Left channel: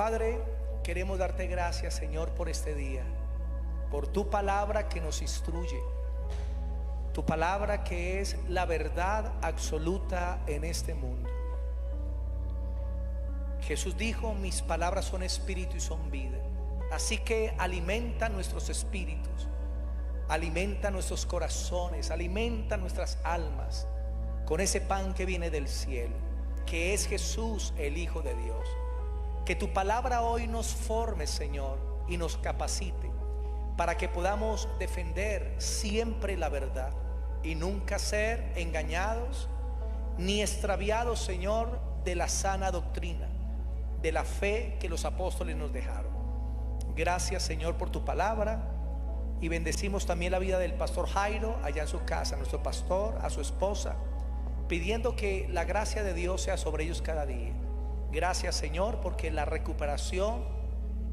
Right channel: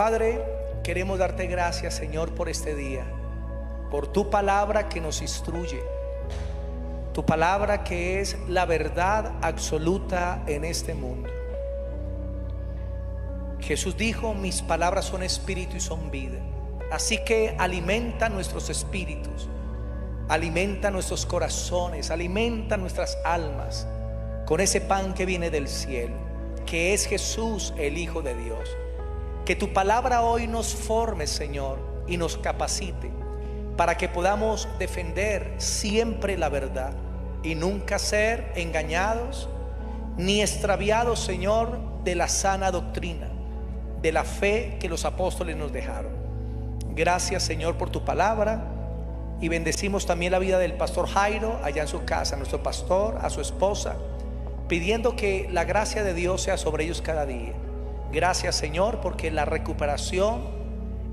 Padre, queremos darte gracias, Señor, por este día, por tu palabra que nos instruye, tu palabra que es la verdad absoluta en este mundo. Jesús dijo: mis palabras son espíritu y son vida. Así que alimenta nuestros espíritus, alimenta nuestros corazones, alimenta nuestras almas con ese pan que viene del cielo, que es Jesús, el Hijo de Dios. Que tu palabra hoy nos forme, Señor, y nos capacite para que podamos defender siempre la verdad y nunca ser engañados ni extraviados, Señor, de la sana doctrina, de la fe que los apóstoles nos dejaron. Gracias, Señor, por tu palabra, y bendecimos también la vida del pastor Jairo allá en su casa, a nuestro pastor, a su esposa, pidiendo que la gracia de Dios sea sobre ellos cada día. Gracias, Señor, porque la recuperación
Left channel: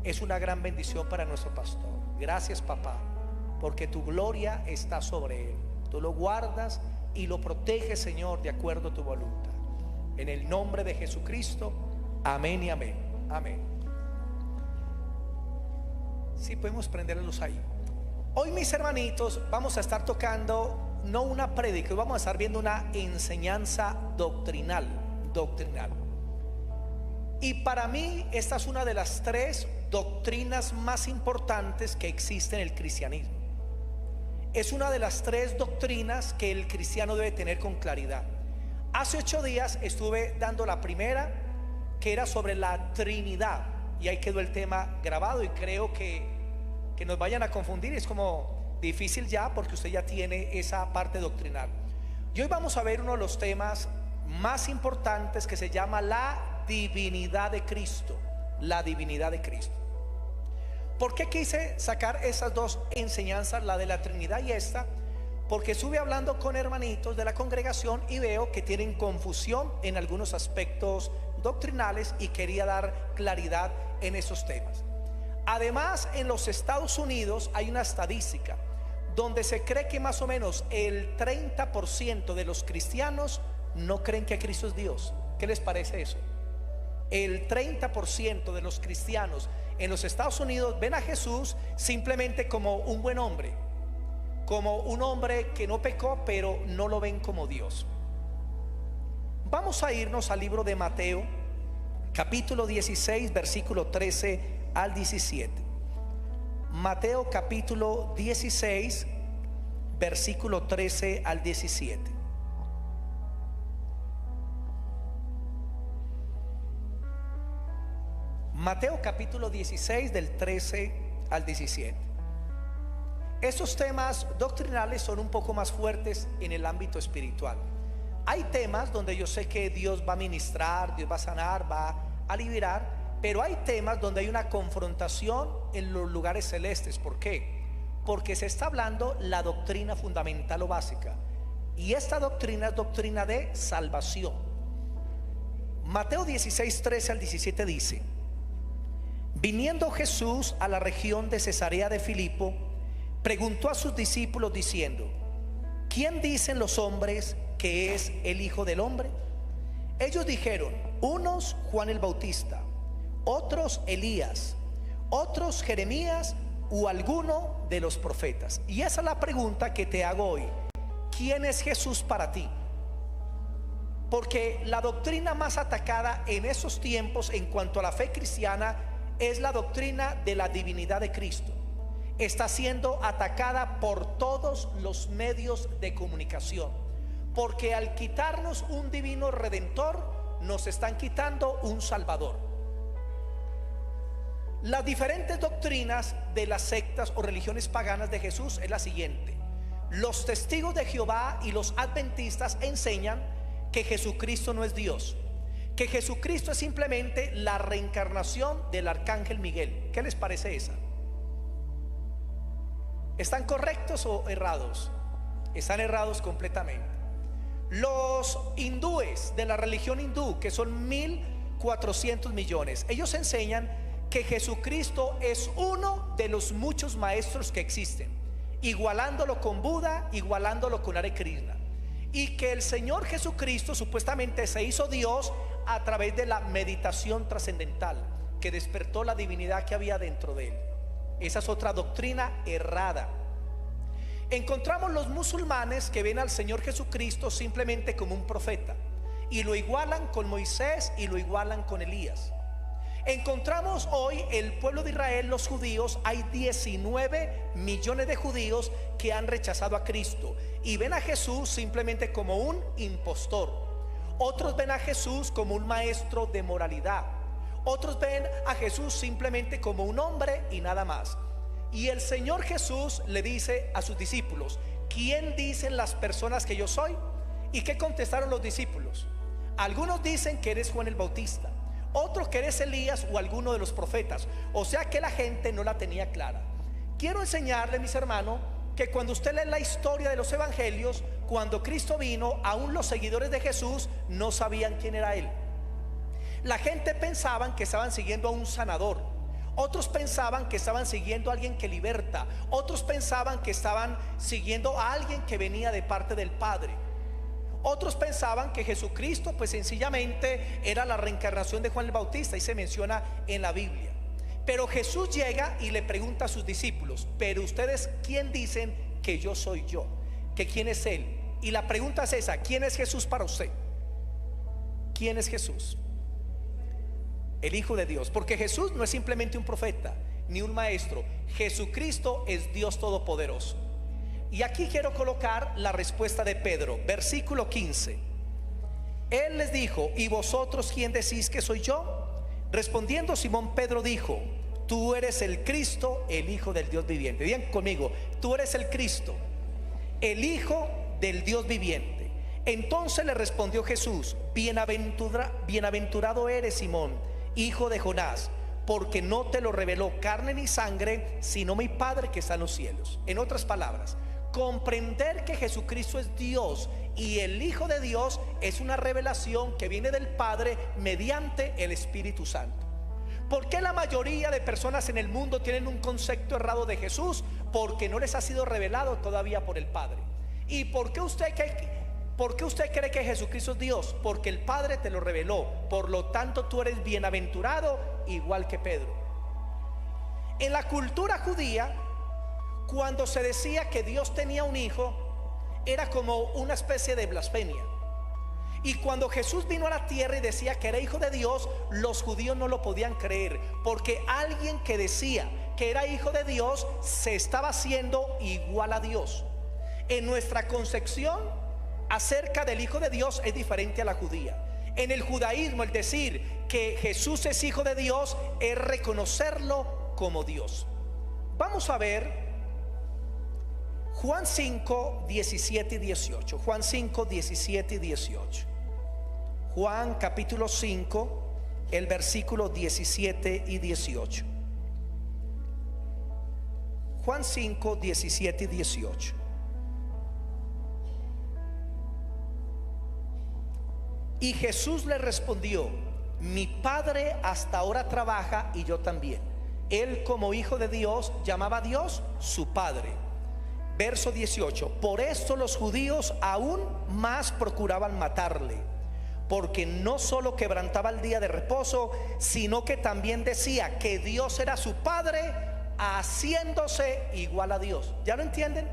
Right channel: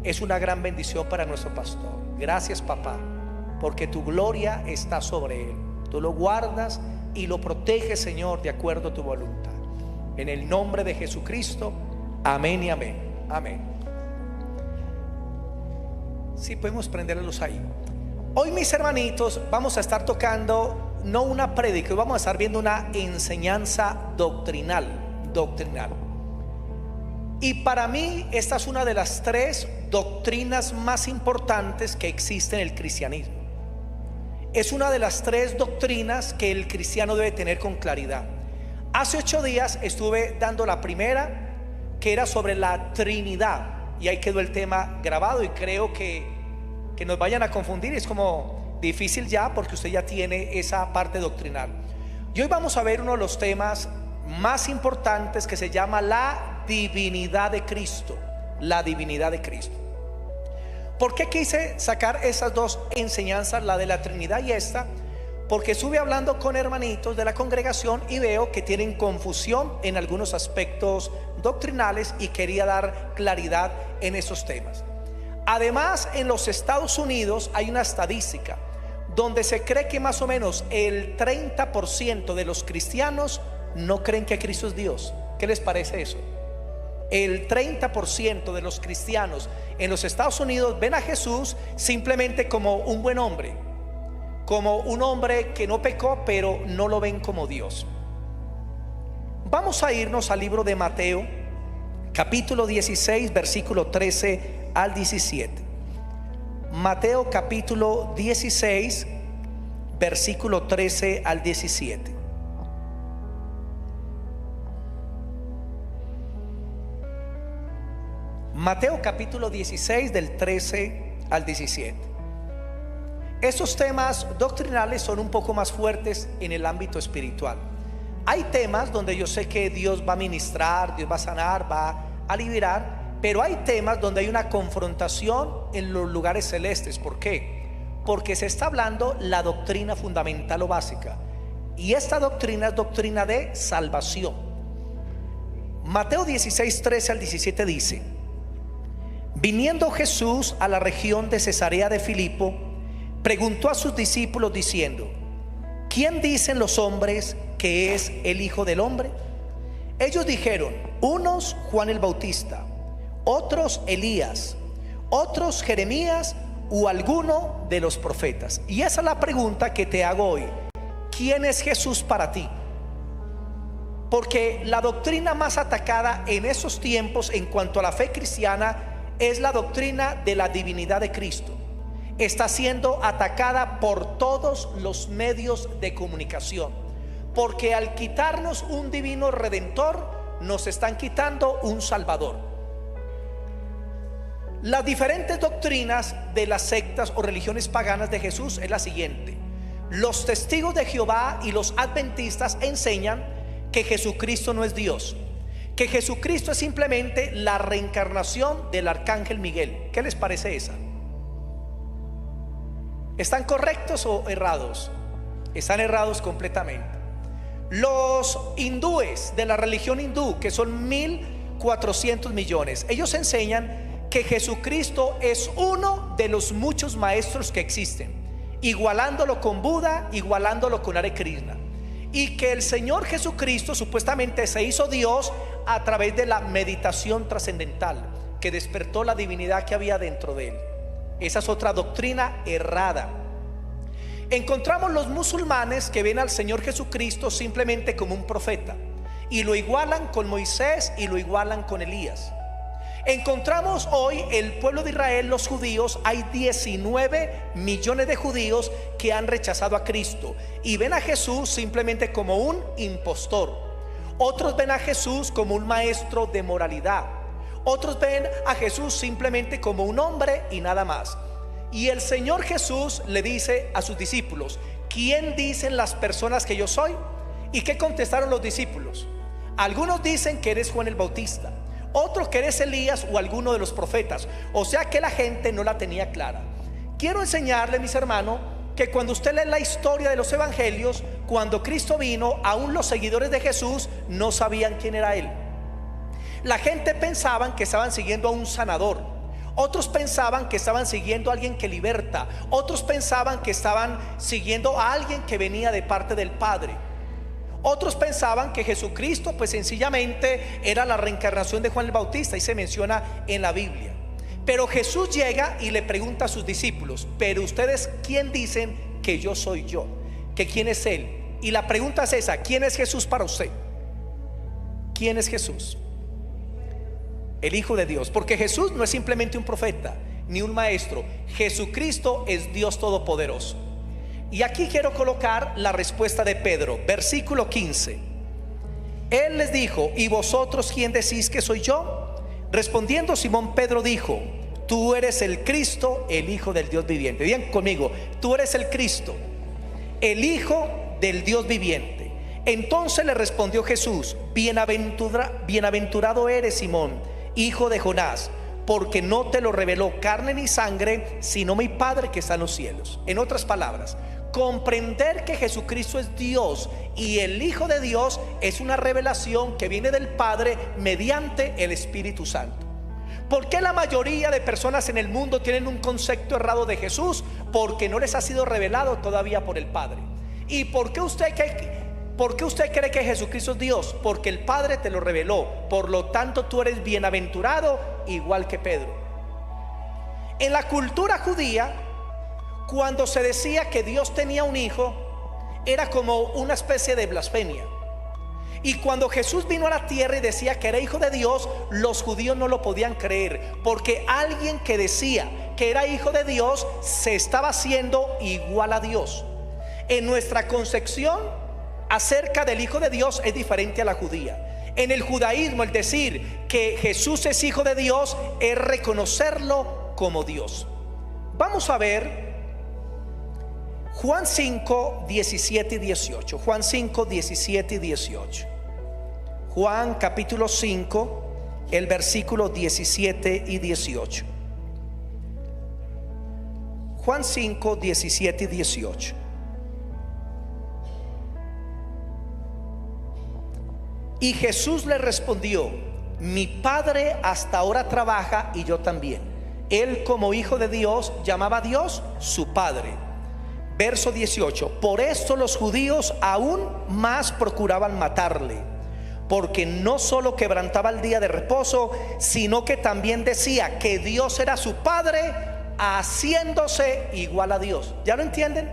es una gran bendición para nuestro pastor. Gracias, papá, porque tu gloria está sobre él. Tú lo guardas y lo proteges, Señor, de acuerdo a tu voluntad. En el nombre de Jesucristo, amén y amén. Amén. Sí, podemos prenderlos ahí. Hoy, mis hermanitos, vamos a estar tocando no una prédica, vamos a estar viendo una enseñanza doctrinal. Y para mí esta es una de las tres doctrinas más importantes que existe en el cristianismo. Es una de las tres doctrinas que el cristiano debe tener con claridad. Hace 8 días estuve dando la primera, que era sobre la Trinidad, y ahí quedó el tema grabado, y creo que nos vayan a confundir es como difícil ya, porque usted ya tiene esa parte doctrinal. Y hoy vamos a ver uno de los temas más importantes, que se llama la divinidad de Cristo. La divinidad de Cristo. ¿Por qué quise sacar esas dos enseñanzas, la de la Trinidad y esta? Porque estuve hablando con hermanitos de la congregación y veo que tienen confusión en algunos aspectos doctrinales, y quería dar claridad en esos temas. Además, en los Estados Unidos hay una estadística donde se cree que más o menos el 30% de los cristianos no creen que Cristo es Dios. ¿Qué les parece eso? El 30% de los cristianos en los Estados Unidos ven a Jesús simplemente como un buen hombre, como un hombre que no pecó, pero no lo ven como Dios. Vamos a irnos al libro de Mateo, capítulo 16, versículo 13 al 17. Mateo capítulo 16, versículo 13 al 17. Mateo capítulo 16, del 13 al 17. Estos temas doctrinales son un poco más fuertes en el ámbito espiritual. Hay temas donde yo sé que Dios va a ministrar, Dios va a sanar, va a liberar, pero hay temas donde hay una confrontación en los lugares celestes. ¿Por qué? Porque se está hablando la doctrina fundamental o básica, y esta doctrina es doctrina de salvación. Mateo 16, 13 al 17 dice: viniendo Jesús a la región de Cesarea de Filipo, preguntó a sus discípulos diciendo: ¿quién dicen los hombres que es el Hijo del Hombre? Ellos dijeron: unos Juan el Bautista, otros Elías, otros Jeremías o alguno de los profetas. Y esa es la pregunta que te hago hoy: ¿quién es Jesús para ti? Porque la doctrina más atacada en esos tiempos en cuanto a la fe cristiana es la doctrina de la divinidad de Cristo. Está siendo atacada por todos los medios de comunicación, porque al quitarnos un divino redentor, nos están quitando un salvador. Las diferentes doctrinas de las sectas o religiones paganas de Jesús es la siguiente: los testigos de Jehová y los adventistas enseñan que Jesucristo no es Dios, que Jesucristo es simplemente la reencarnación del arcángel Miguel. ¿Qué les parece esa? ¿Están correctos o errados? Están errados completamente. Los hindúes de la religión hindú, que son 1.400 millones, ellos enseñan que Jesucristo es uno de los muchos maestros que existen, igualándolo con Buda, igualándolo con Hare Krishna, y que el Señor Jesucristo supuestamente se hizo Dios a través de la meditación trascendental. que despertó la divinidad que había dentro de él. Esa es otra doctrina errada. Encontramos los musulmanes que ven al Señor Jesucristo simplemente como un profeta y lo igualan con Moisés y lo igualan con Elías. Encontramos hoy el pueblo de Israel, los judíos, hay 19 millones de judíos que han rechazado a Cristo y ven a Jesús simplemente como un impostor. Otros ven a Jesús como un maestro de moralidad. Otros ven a Jesús simplemente como un hombre y nada más. Y el Señor Jesús le dice a sus discípulos: ¿quién dicen las personas que yo soy? ¿Y qué contestaron los discípulos? Algunos dicen que eres Juan el Bautista, otros que eres Elías o alguno de los profetas. O sea que la gente no la tenía clara. Quiero enseñarle, mis hermanos, que cuando usted lee la historia de los evangelios, cuando Cristo vino, aún los seguidores de Jesús no sabían quién era Él. La gente pensaban que estaban siguiendo a un sanador, otros pensaban que estaban siguiendo a alguien que liberta, otros pensaban que estaban siguiendo a alguien que venía de parte del Padre. Otros pensaban que Jesucristo pues sencillamente era la reencarnación de Juan el Bautista, y se menciona en la Biblia. Pero Jesús llega y le pregunta a sus discípulos: pero ustedes, ¿quién dicen que yo soy yo? ¿Que quién es Él? Y la pregunta es esa: ¿quién es Jesús para usted? ¿Quién es Jesús? El Hijo de Dios. Porque Jesús no es simplemente un profeta ni un maestro. Jesucristo es Dios Todopoderoso. Y aquí quiero colocar la respuesta de Pedro, versículo 15. Él les dijo: ¿y vosotros quién decís que soy yo? Respondiendo Simón Pedro dijo: tú eres el Cristo, el Hijo del Dios viviente. Digan conmigo: tú eres el Cristo, el Hijo del Dios viviente. Entonces le respondió Jesús: bienaventurado eres, Simón, hijo de Jonás, porque no te lo reveló carne ni sangre, sino mi Padre que está en los cielos. En otras palabras, comprender que Jesucristo es Dios y el Hijo de Dios es una revelación que viene del Padre mediante el Espíritu Santo. ¿Por qué la mayoría de personas en el mundo tienen un concepto errado de Jesús? Porque no les ha sido revelado todavía por el Padre. ¿Y por qué usted cree que Jesucristo es Dios? Porque el Padre te lo reveló. Por lo tanto, tú eres bienaventurado, igual que Pedro. En la cultura judía, cuando se decía que Dios tenía un hijo, era como una especie de blasfemia. Y cuando Jesús vino a la tierra y decía que era hijo de Dios, los judíos no lo podían creer, porque alguien que decía que era hijo de Dios se estaba haciendo igual a Dios. En nuestra concepción acerca del Hijo de Dios es diferente a la judía. En el judaísmo, el decir que Jesús es hijo de Dios es reconocerlo como Dios. Vamos a ver Juan 5, 17 y 18. Juan 5, 17 y 18. Juan capítulo 5, el versículo 17 y 18. Juan 5, 17 y 18. Y Jesús le respondió: mi Padre hasta ahora trabaja y yo también. Él, como hijo de Dios, llamaba a Dios su Padre. Verso 18: por esto los judíos aún más procuraban matarle, porque no solo quebrantaba el día de reposo, sino que también decía que Dios era su Padre, haciéndose igual a Dios. ¿Ya lo entienden?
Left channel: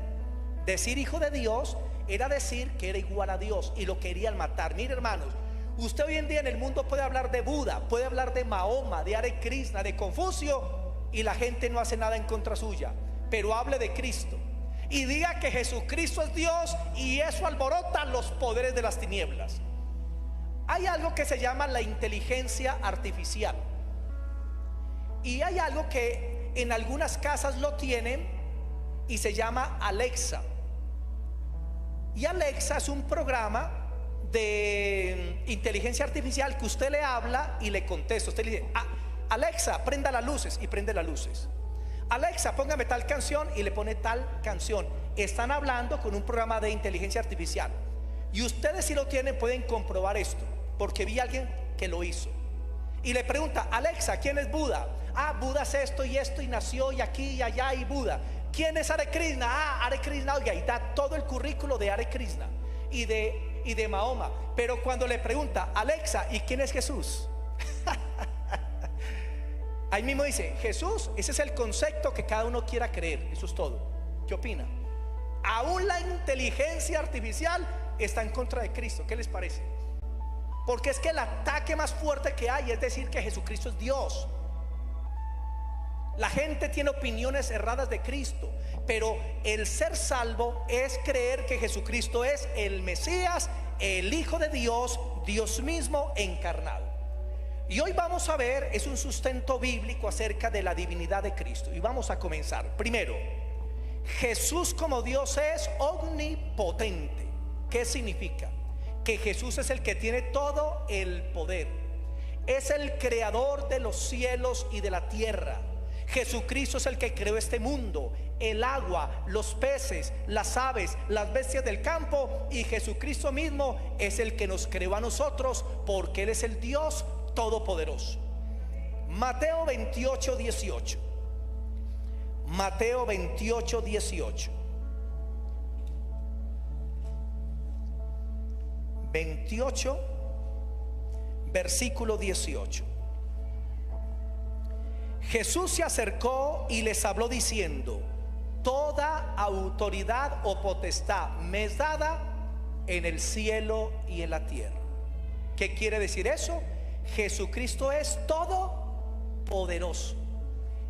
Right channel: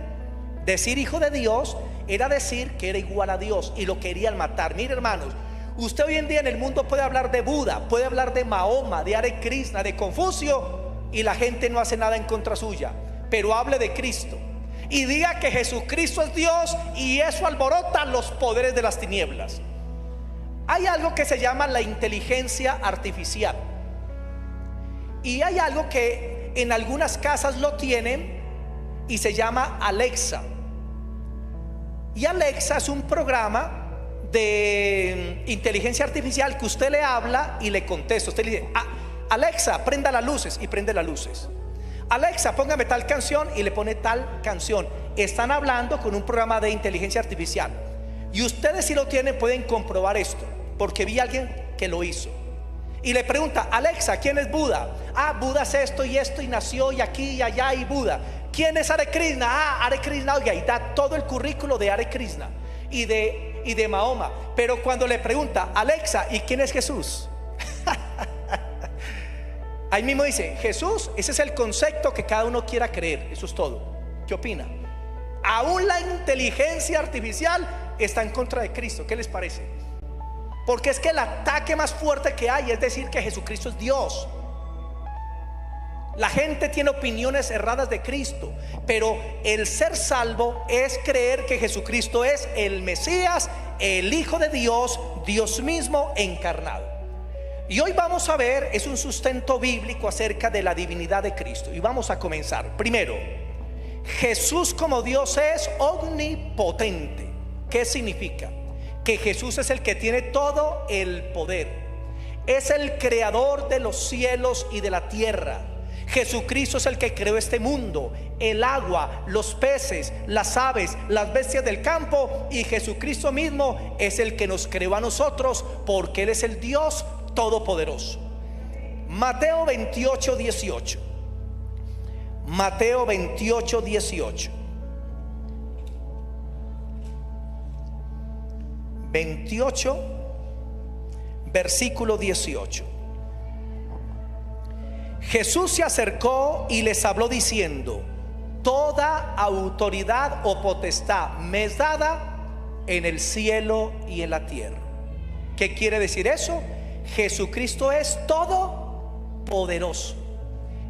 Decir hijo de Dios era decir que era igual a Dios, y lo querían matar. Mire, hermanos, usted hoy en día en el mundo puede hablar de Buda, puede hablar de Mahoma, de Hare Krishna, de Confucio, y la gente no hace nada en contra suya. Pero hable de Cristo y diga que Jesucristo es Dios, y eso alborota los poderes de las tinieblas. Hay algo que se llama la inteligencia artificial, y hay algo que en algunas casas lo tienen y se llama Alexa. Y Alexa es un programa de inteligencia artificial que usted le habla y le contesta. Usted le dice: Alexa, prenda las luces, y prende las luces. Alexa, póngame tal canción, y le pone tal canción. Están hablando con un programa de inteligencia artificial. Y ustedes, si lo tienen, pueden comprobar esto, porque vi a alguien que lo hizo. Y le pregunta: Alexa, ¿quién es Buda? Buda es esto y esto, y nació y aquí y allá, y Buda. ¿Quién es Hare Krishna? Hare Krishna. Oiga, y da todo el currículo de Hare Krishna y de Mahoma. Pero cuando le pregunta: Alexa, ¿y quién es Jesús? Ahí mismo dice, Jesús, ese es el concepto que cada uno quiera creer. Eso es todo. ¿Qué opina? Aún la inteligencia artificial está en contra de Cristo. ¿Qué les parece? Porque es que el ataque más fuerte que hay es decir que Jesucristo es Dios. La gente tiene opiniones erradas de Cristo, pero el ser salvo es creer que Jesucristo es el Mesías, el Hijo de Dios, Dios mismo encarnado. Y hoy vamos a ver, es un sustento bíblico acerca de la divinidad de Cristo. Y vamos a comenzar. Primero, Jesús como Dios es omnipotente. ¿Qué significa? Que Jesús es el que tiene todo el poder. Es el creador de los cielos y de la tierra. Jesucristo es el que creó este mundo, el agua, los peces, las aves, las bestias del campo. Y Jesucristo mismo es el que nos creó a nosotros, porque Él es el Dios todopoderoso. Mateo 28, 18. Mateo 28, 18. 28, versículo 18. Jesús se acercó y les habló diciendo: toda autoridad o potestad me es dada en el cielo y en la tierra. ¿Qué quiere decir eso? Jesucristo es todopoderoso.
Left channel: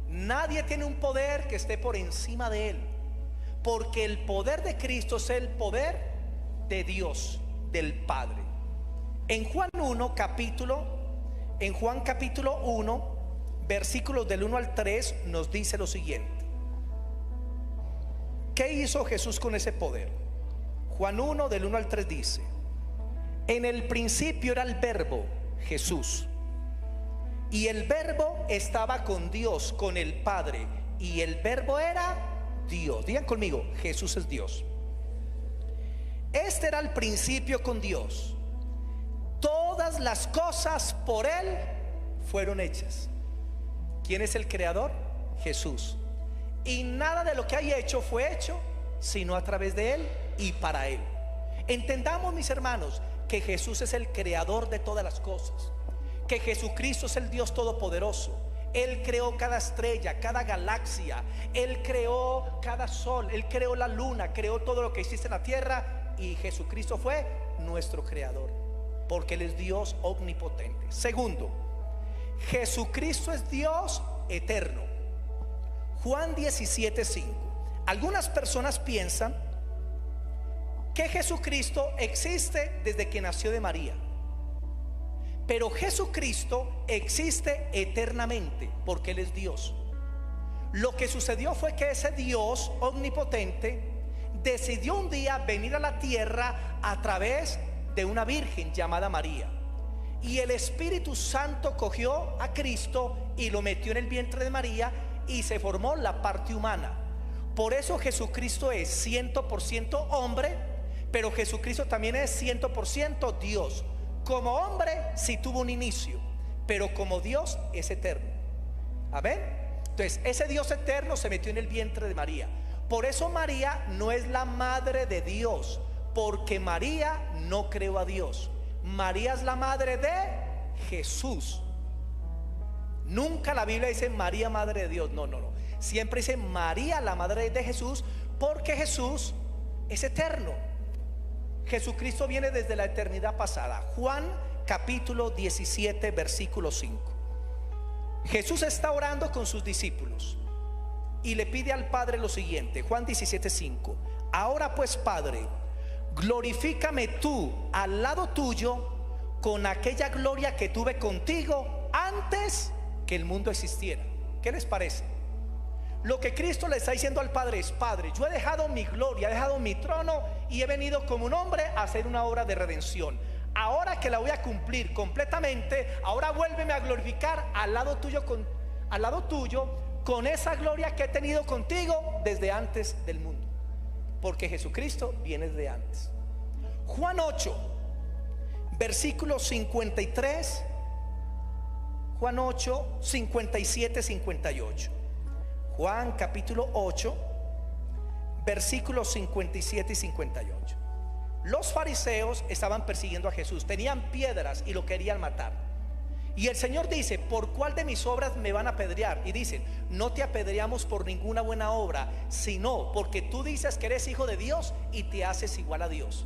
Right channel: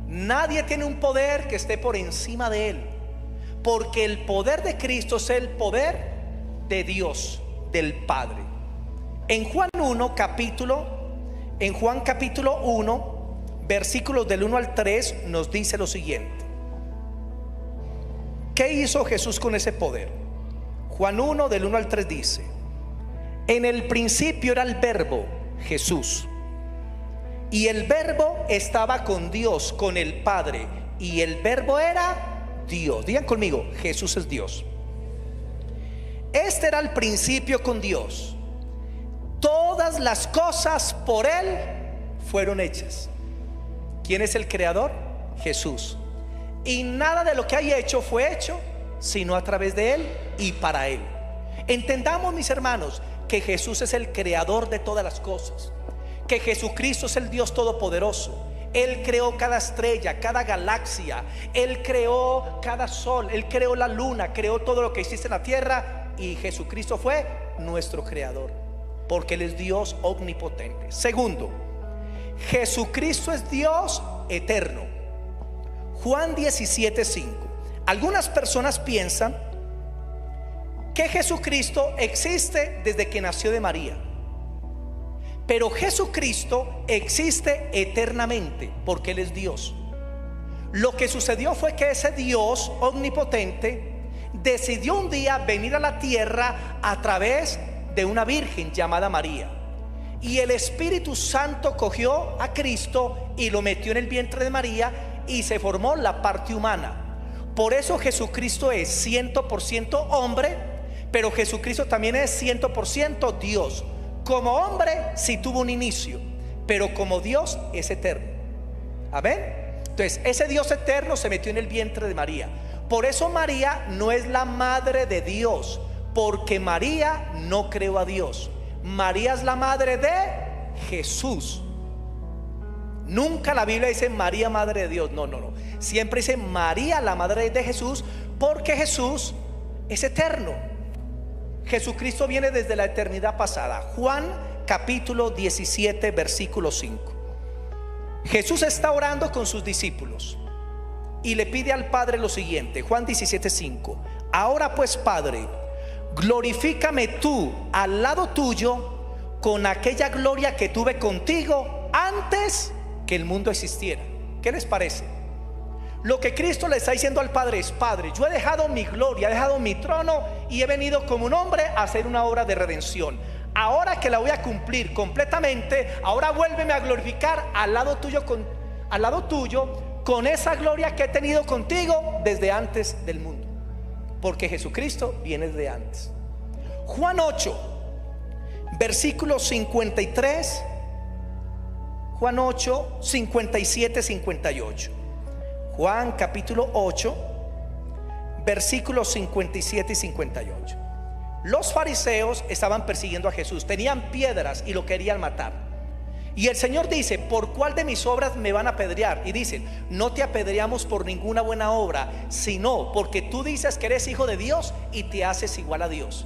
Nadie tiene un poder que esté por encima de Él, porque el poder de Cristo es el poder de Dios, del Padre. En Juan capítulo 1, versículos del 1 al 3 nos dice lo siguiente. ¿Qué hizo Jesús con ese poder? Juan 1 del 1 al 3 dice: en el principio era el verbo, Jesús, y el verbo estaba con Dios, con el Padre, y el verbo era Dios. Digan conmigo, Jesús es Dios. Este era el principio con Dios. Todas las cosas por Él fueron hechas. ¿Quién es el creador? Jesús. Y nada de lo que hay hecho fue hecho sino a través de Él y para Él. Entendamos, mis hermanos, que Jesús es el creador de todas las cosas, que Jesucristo es el Dios todopoderoso. Él creó cada estrella, cada galaxia, Él creó cada sol, Él creó la luna, creó todo lo que existe en la tierra. Y Jesucristo fue nuestro creador, porque Él es Dios omnipotente. Segundo, Jesucristo es Dios eterno. Juan 17:5. Algunas personas piensan que Jesucristo existe desde que nació de María, pero Jesucristo existe eternamente porque Él es Dios. Lo que sucedió fue que ese Dios omnipotente decidió un día venir a la tierra a través de una virgen llamada María. Y el Espíritu Santo cogió a Cristo y lo metió en el vientre de María y se formó la parte humana. Por eso Jesucristo es 100% hombre, pero Jesucristo también es 100% Dios. Como hombre sí tuvo un inicio, pero como Dios es eterno. Amén. Entonces ese Dios eterno se metió en el vientre de María. Por eso María no es la madre de Dios, porque María no creó a Dios. María es la madre de Jesús. Nunca la Biblia dice María madre de Dios. No. Siempre dice María la madre de Jesús, porque Jesús es eterno. Jesucristo viene desde la eternidad pasada. Juan capítulo 17 versículo 5. Jesús está orando con sus discípulos y le pide al Padre lo siguiente. Juan 17:5. Ahora pues, Padre, glorifícame tú al lado tuyo con aquella gloria que tuve contigo antes que el mundo existiera. ¿Qué les parece? Lo que Cristo le está diciendo al Padre es: Padre, yo he dejado mi gloria, he dejado mi trono y he venido como un hombre a hacer una obra de redención. Ahora que la voy a cumplir completamente, ahora vuélveme a glorificar al lado tuyo con esa gloria que he tenido contigo desde antes del mundo, porque Jesucristo viene de antes. Juan 8 versículos 53, Juan 8 57, 58. Juan capítulo 8 versículos 57 y 58. Los fariseos estaban persiguiendo a Jesús, tenían piedras y lo querían matar. Y el Señor dice: ¿por cuál de mis obras me van a apedrear? Y dicen: no te apedreamos por ninguna buena obra, sino porque tú dices que eres hijo de Dios y te haces igual a Dios.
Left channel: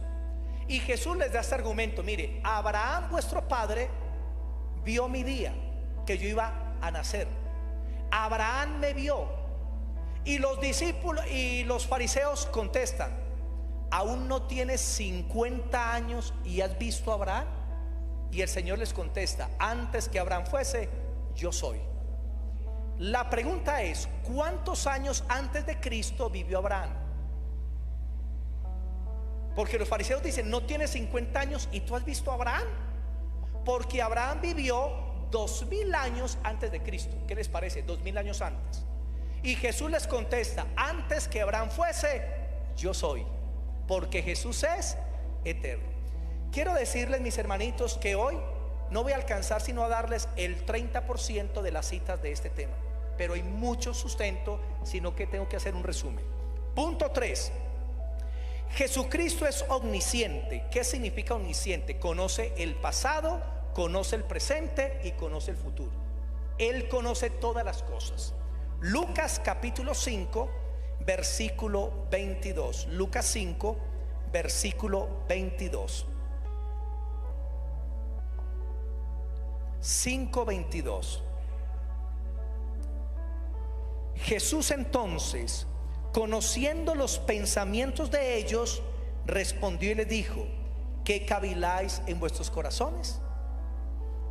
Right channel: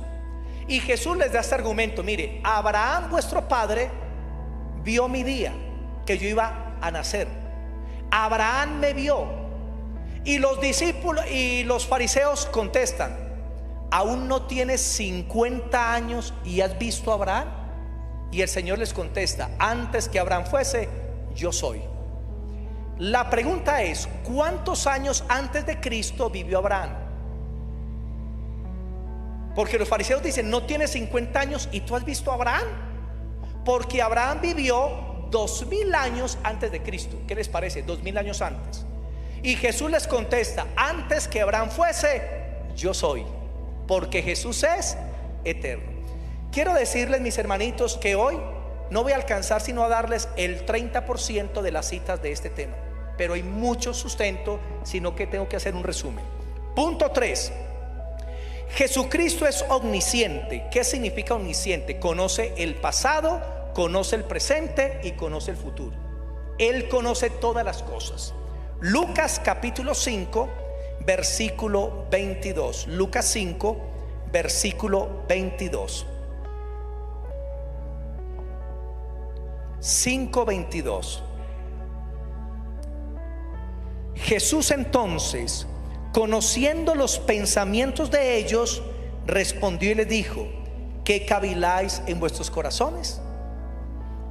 Y Jesús les da este argumento: mire, Abraham vuestro padre vio mi día, que yo iba a nacer. Abraham me vio. Y los discípulos y los fariseos contestan: ¿aún no tienes 50 años y has visto a Abraham? Y el Señor les contesta: antes que Abraham fuese, yo soy. La pregunta es: ¿cuántos años antes de Cristo vivió Abraham? Porque los fariseos dicen: no tienes 50 años y tú has visto a Abraham. Porque Abraham vivió 2000 años antes de Cristo. ¿Qué les parece? 2000 años antes. Y Jesús les contesta: antes que Abraham fuese, yo soy. Porque Jesús es eterno. Quiero decirles, mis hermanitos, que hoy no voy a alcanzar sino a darles el 30% de las citas de este tema, pero hay mucho sustento, sino que tengo que hacer un resumen. Punto 3: Jesucristo es omnisciente. ¿Qué significa omnisciente? Conoce el pasado, conoce el presente y conoce el futuro. Él conoce todas las cosas. Lucas capítulo 5 versículo 22. Lucas 5 versículo 22. 5:22. Jesús entonces, conociendo los pensamientos de ellos, respondió y les dijo: ¿qué caviláis en vuestros corazones?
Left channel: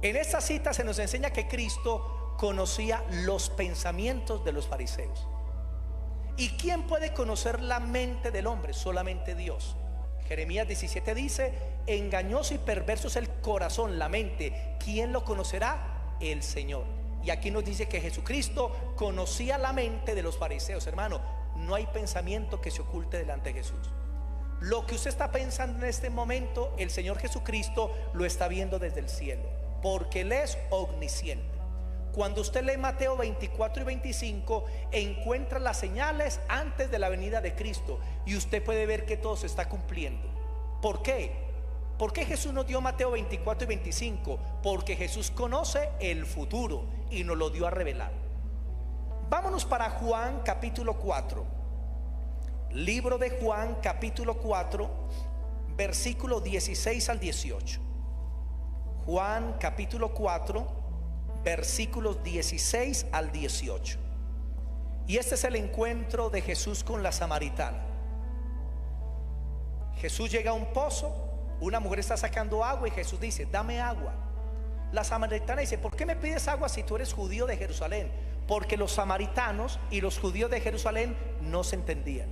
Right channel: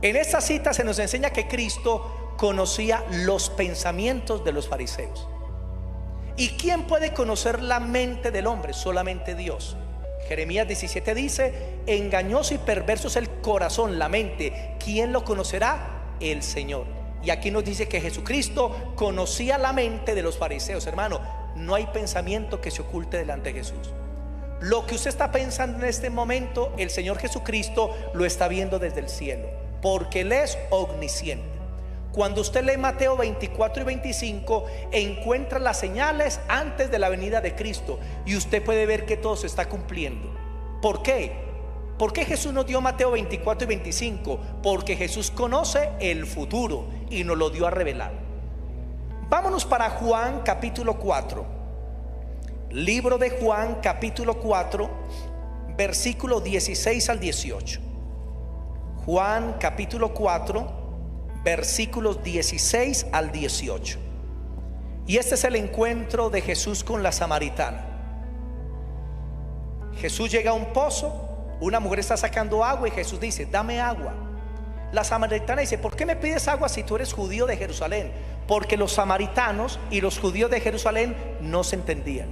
En esta cita se nos enseña que Cristo conocía los pensamientos de los fariseos. ¿Y quién puede conocer la mente del hombre? Solamente Dios. Jeremías 17 dice: engañoso y perverso es el corazón, la mente, ¿quién lo conocerá? El Señor. Y aquí nos dice que Jesucristo conocía la mente de los fariseos. Hermano, no hay pensamiento que se oculte delante de Jesús. Lo que usted está pensando en este momento, el Señor Jesucristo lo está viendo desde el cielo, porque Él es omnisciente. Cuando usted lee Mateo 24 y 25, encuentra las señales antes de la venida de Cristo, y usted puede ver que todo se está cumpliendo. ¿Por qué? ¿Por qué Jesús nos dio Mateo 24 y 25? Porque Jesús conoce el futuro y nos lo dio a revelar. Vámonos para Juan capítulo 4. Libro de Juan capítulo 4, versículo 16 al 18. Juan capítulo 4, versículos 16 al 18. Y este es el encuentro de Jesús con la samaritana. Jesús llega a un pozo, una mujer está sacando agua y Jesús dice: dame agua. La samaritana dice: ¿por qué me pides agua si tú eres judío de Jerusalén? Porque los samaritanos y los judíos de Jerusalén no se entendían.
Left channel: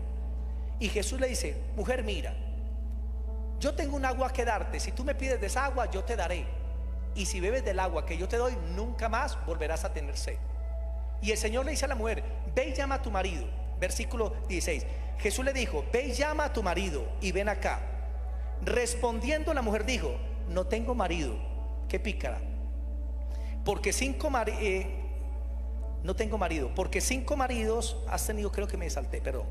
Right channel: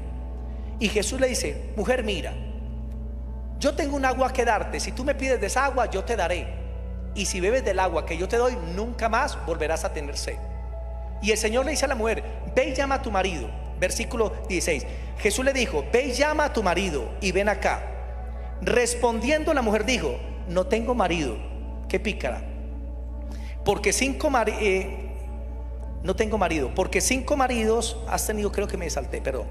Y Jesús le dice: mujer, mira, yo tengo un agua que darte. Si tú me pides de esa agua, yo te daré. Y si bebes del agua que yo te doy, nunca más volverás a tener sed. Y el Señor le dice a la mujer: ve y llama a tu marido. Versículo 16. Jesús le dijo: ve y llama a tu marido y ven acá. Respondiendo la mujer dijo: no tengo marido. Qué pícara. Porque no tengo marido. Porque 5 maridos has tenido. Creo que me salté, perdón.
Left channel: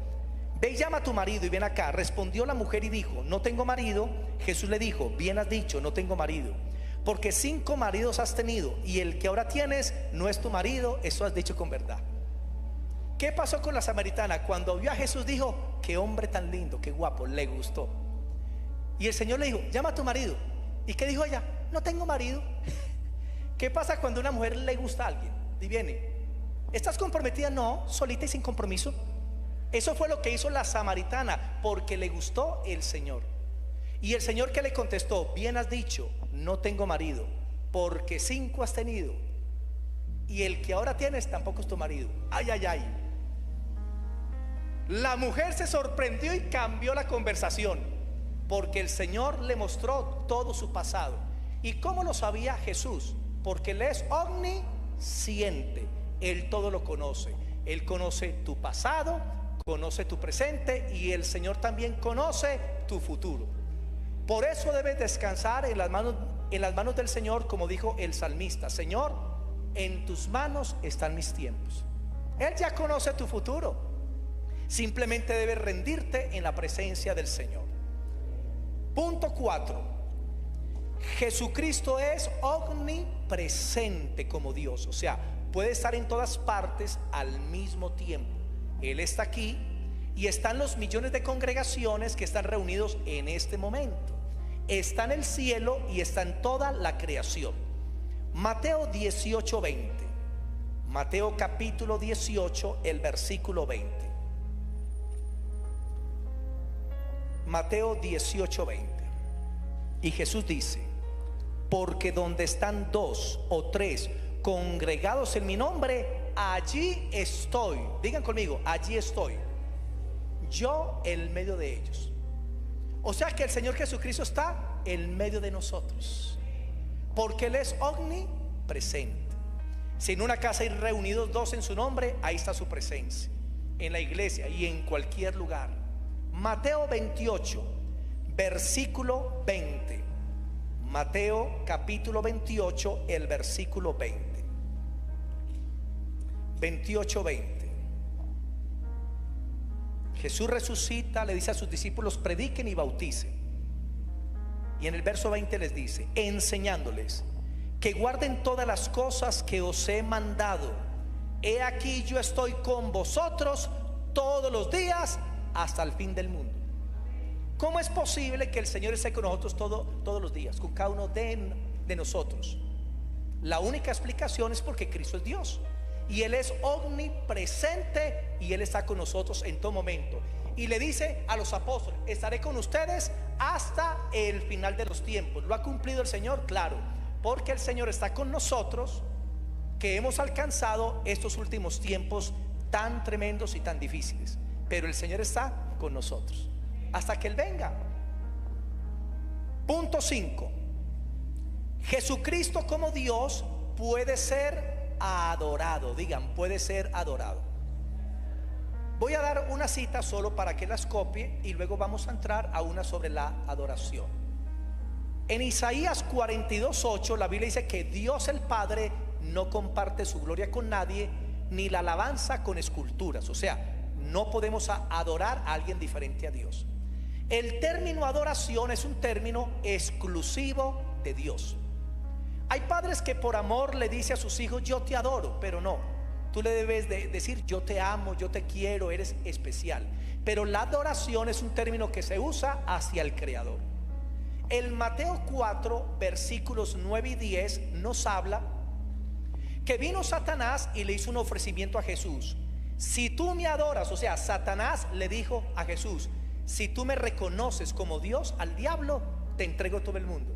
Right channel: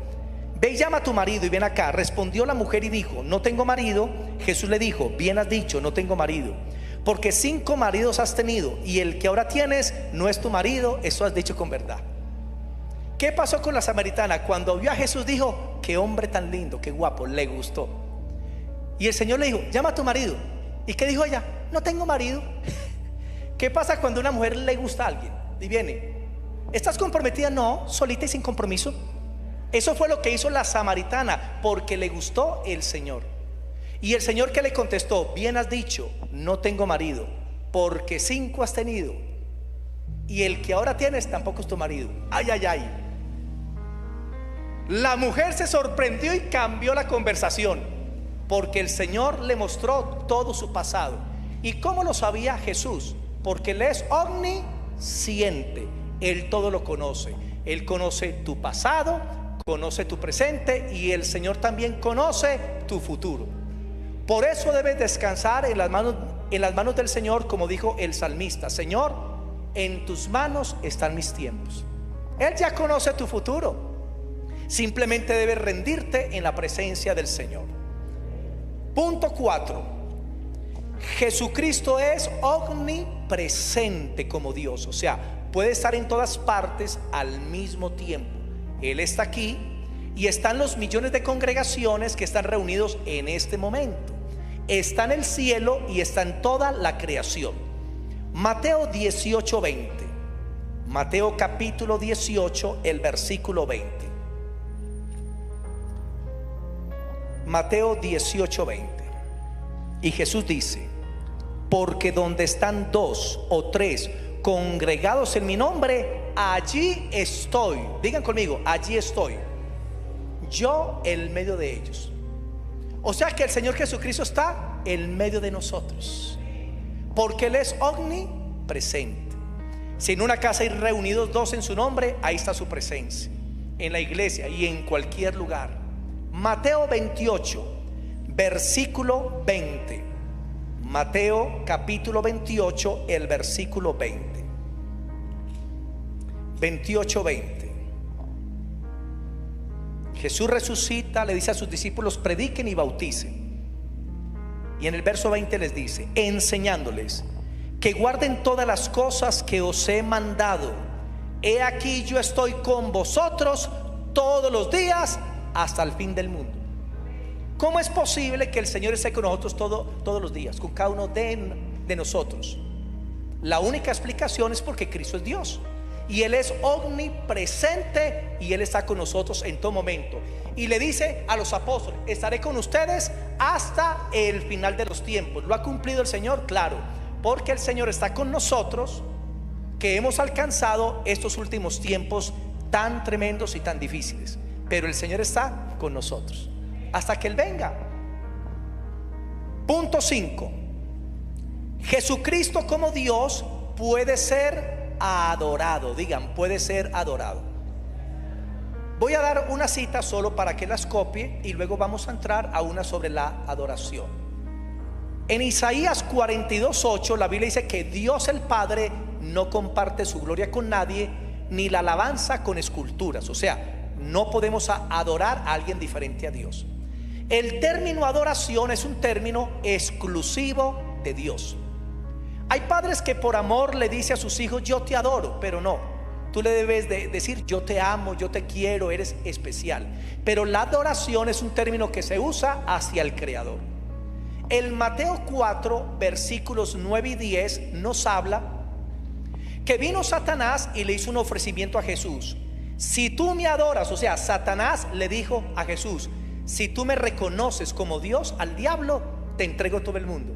Ve y llama a tu marido y ven acá. Respondió la mujer y dijo: no tengo marido. Jesús le dijo: bien has dicho, no tengo marido. Porque 5 maridos has tenido, y el que ahora tienes no es tu marido. Eso has dicho con verdad. ¿Qué pasó con la samaritana? Cuando vio a Jesús dijo: qué hombre tan lindo, qué guapo, le gustó. Y el Señor le dijo: llama a tu marido. ¿Y qué dijo ella? No tengo marido. ¿Qué pasa cuando a una mujer le gusta a alguien y viene? ¿Estás comprometida? No, solita y sin compromiso. Eso fue lo que hizo la samaritana, porque le gustó el Señor. Y el Señor, que le contestó: bien has dicho, no tengo marido, porque 5 has tenido, y el que ahora tienes tampoco es tu marido. Ay, ay, ay. La mujer se sorprendió y cambió la conversación, porque el Señor le mostró todo su pasado. ¿Y cómo lo sabía Jesús? Porque Él es omnisciente. Él todo lo conoce. Él conoce tu pasado, conoce tu presente, y el Señor también conoce tu futuro. Por eso debes descansar en las manos del Señor, como dijo el salmista: Señor, en tus manos están mis tiempos. Él ya conoce tu futuro. Simplemente debes rendirte en la presencia del Señor. Punto 4. Jesucristo es omnipresente como Dios, o sea, puede estar en todas partes al mismo tiempo. Él está aquí y están los millones de congregaciones que están reunidos en este momento. Está en el cielo y está en toda la creación. Mateo 18:20. Mateo capítulo 18, el versículo 20. Mateo 18:20. Y Jesús dice: porque donde están dos o tres congregados en mi nombre, allí estoy. Digan conmigo, allí estoy yo en medio de ellos. O sea que el Señor Jesucristo está en medio de nosotros, porque Él es omnipresente. Si en una casa hay reunidos dos en su nombre, ahí está su presencia, en la iglesia y en cualquier lugar. Mateo 28, versículo 20. Mateo capítulo 28, el versículo 20. 28:20. Jesús resucita, le dice a sus discípulos: prediquen y bauticen. Y en el verso 20 les dice: enseñándoles que guarden todas las cosas que os he mandado. He aquí yo estoy con vosotros todos los días hasta el fin del mundo. ¿Cómo es posible que el Señor esté con nosotros todos los días, con cada uno de nosotros? La única explicación es porque Cristo es Dios y Él es omnipresente y Él está con nosotros en todo momento. Y le dice a los apóstoles: estaré con ustedes hasta el final de los tiempos. ¿Lo ha cumplido el Señor? Claro, porque el Señor está con nosotros, que hemos alcanzado estos últimos tiempos tan tremendos y tan difíciles. Pero el Señor está con nosotros hasta que Él venga. Punto 5. Jesucristo como Dios puede ser adorado. Digan, puede ser adorado. Voy a dar una cita solo para que las copie y luego vamos a entrar a una sobre la adoración. En Isaías 42:8 la Biblia dice que Dios el Padre no comparte su gloria con nadie, ni la alabanza con esculturas. O sea, no podemos adorar a alguien diferente a Dios. El término adoración es un término exclusivo de Dios. Hay padres que por amor le dicen a sus hijos: yo te adoro, pero no, tú le debes de decir: yo te amo, yo te quiero, eres especial. Pero la adoración es un término que se usa hacia el Creador. El Mateo 4 versículos 9 y 10 nos habla que vino Satanás y le hizo un ofrecimiento a Jesús. Si tú me adoras, o sea, Satanás le dijo a Jesús: si tú me reconoces como Dios, al diablo te entrego todo el mundo.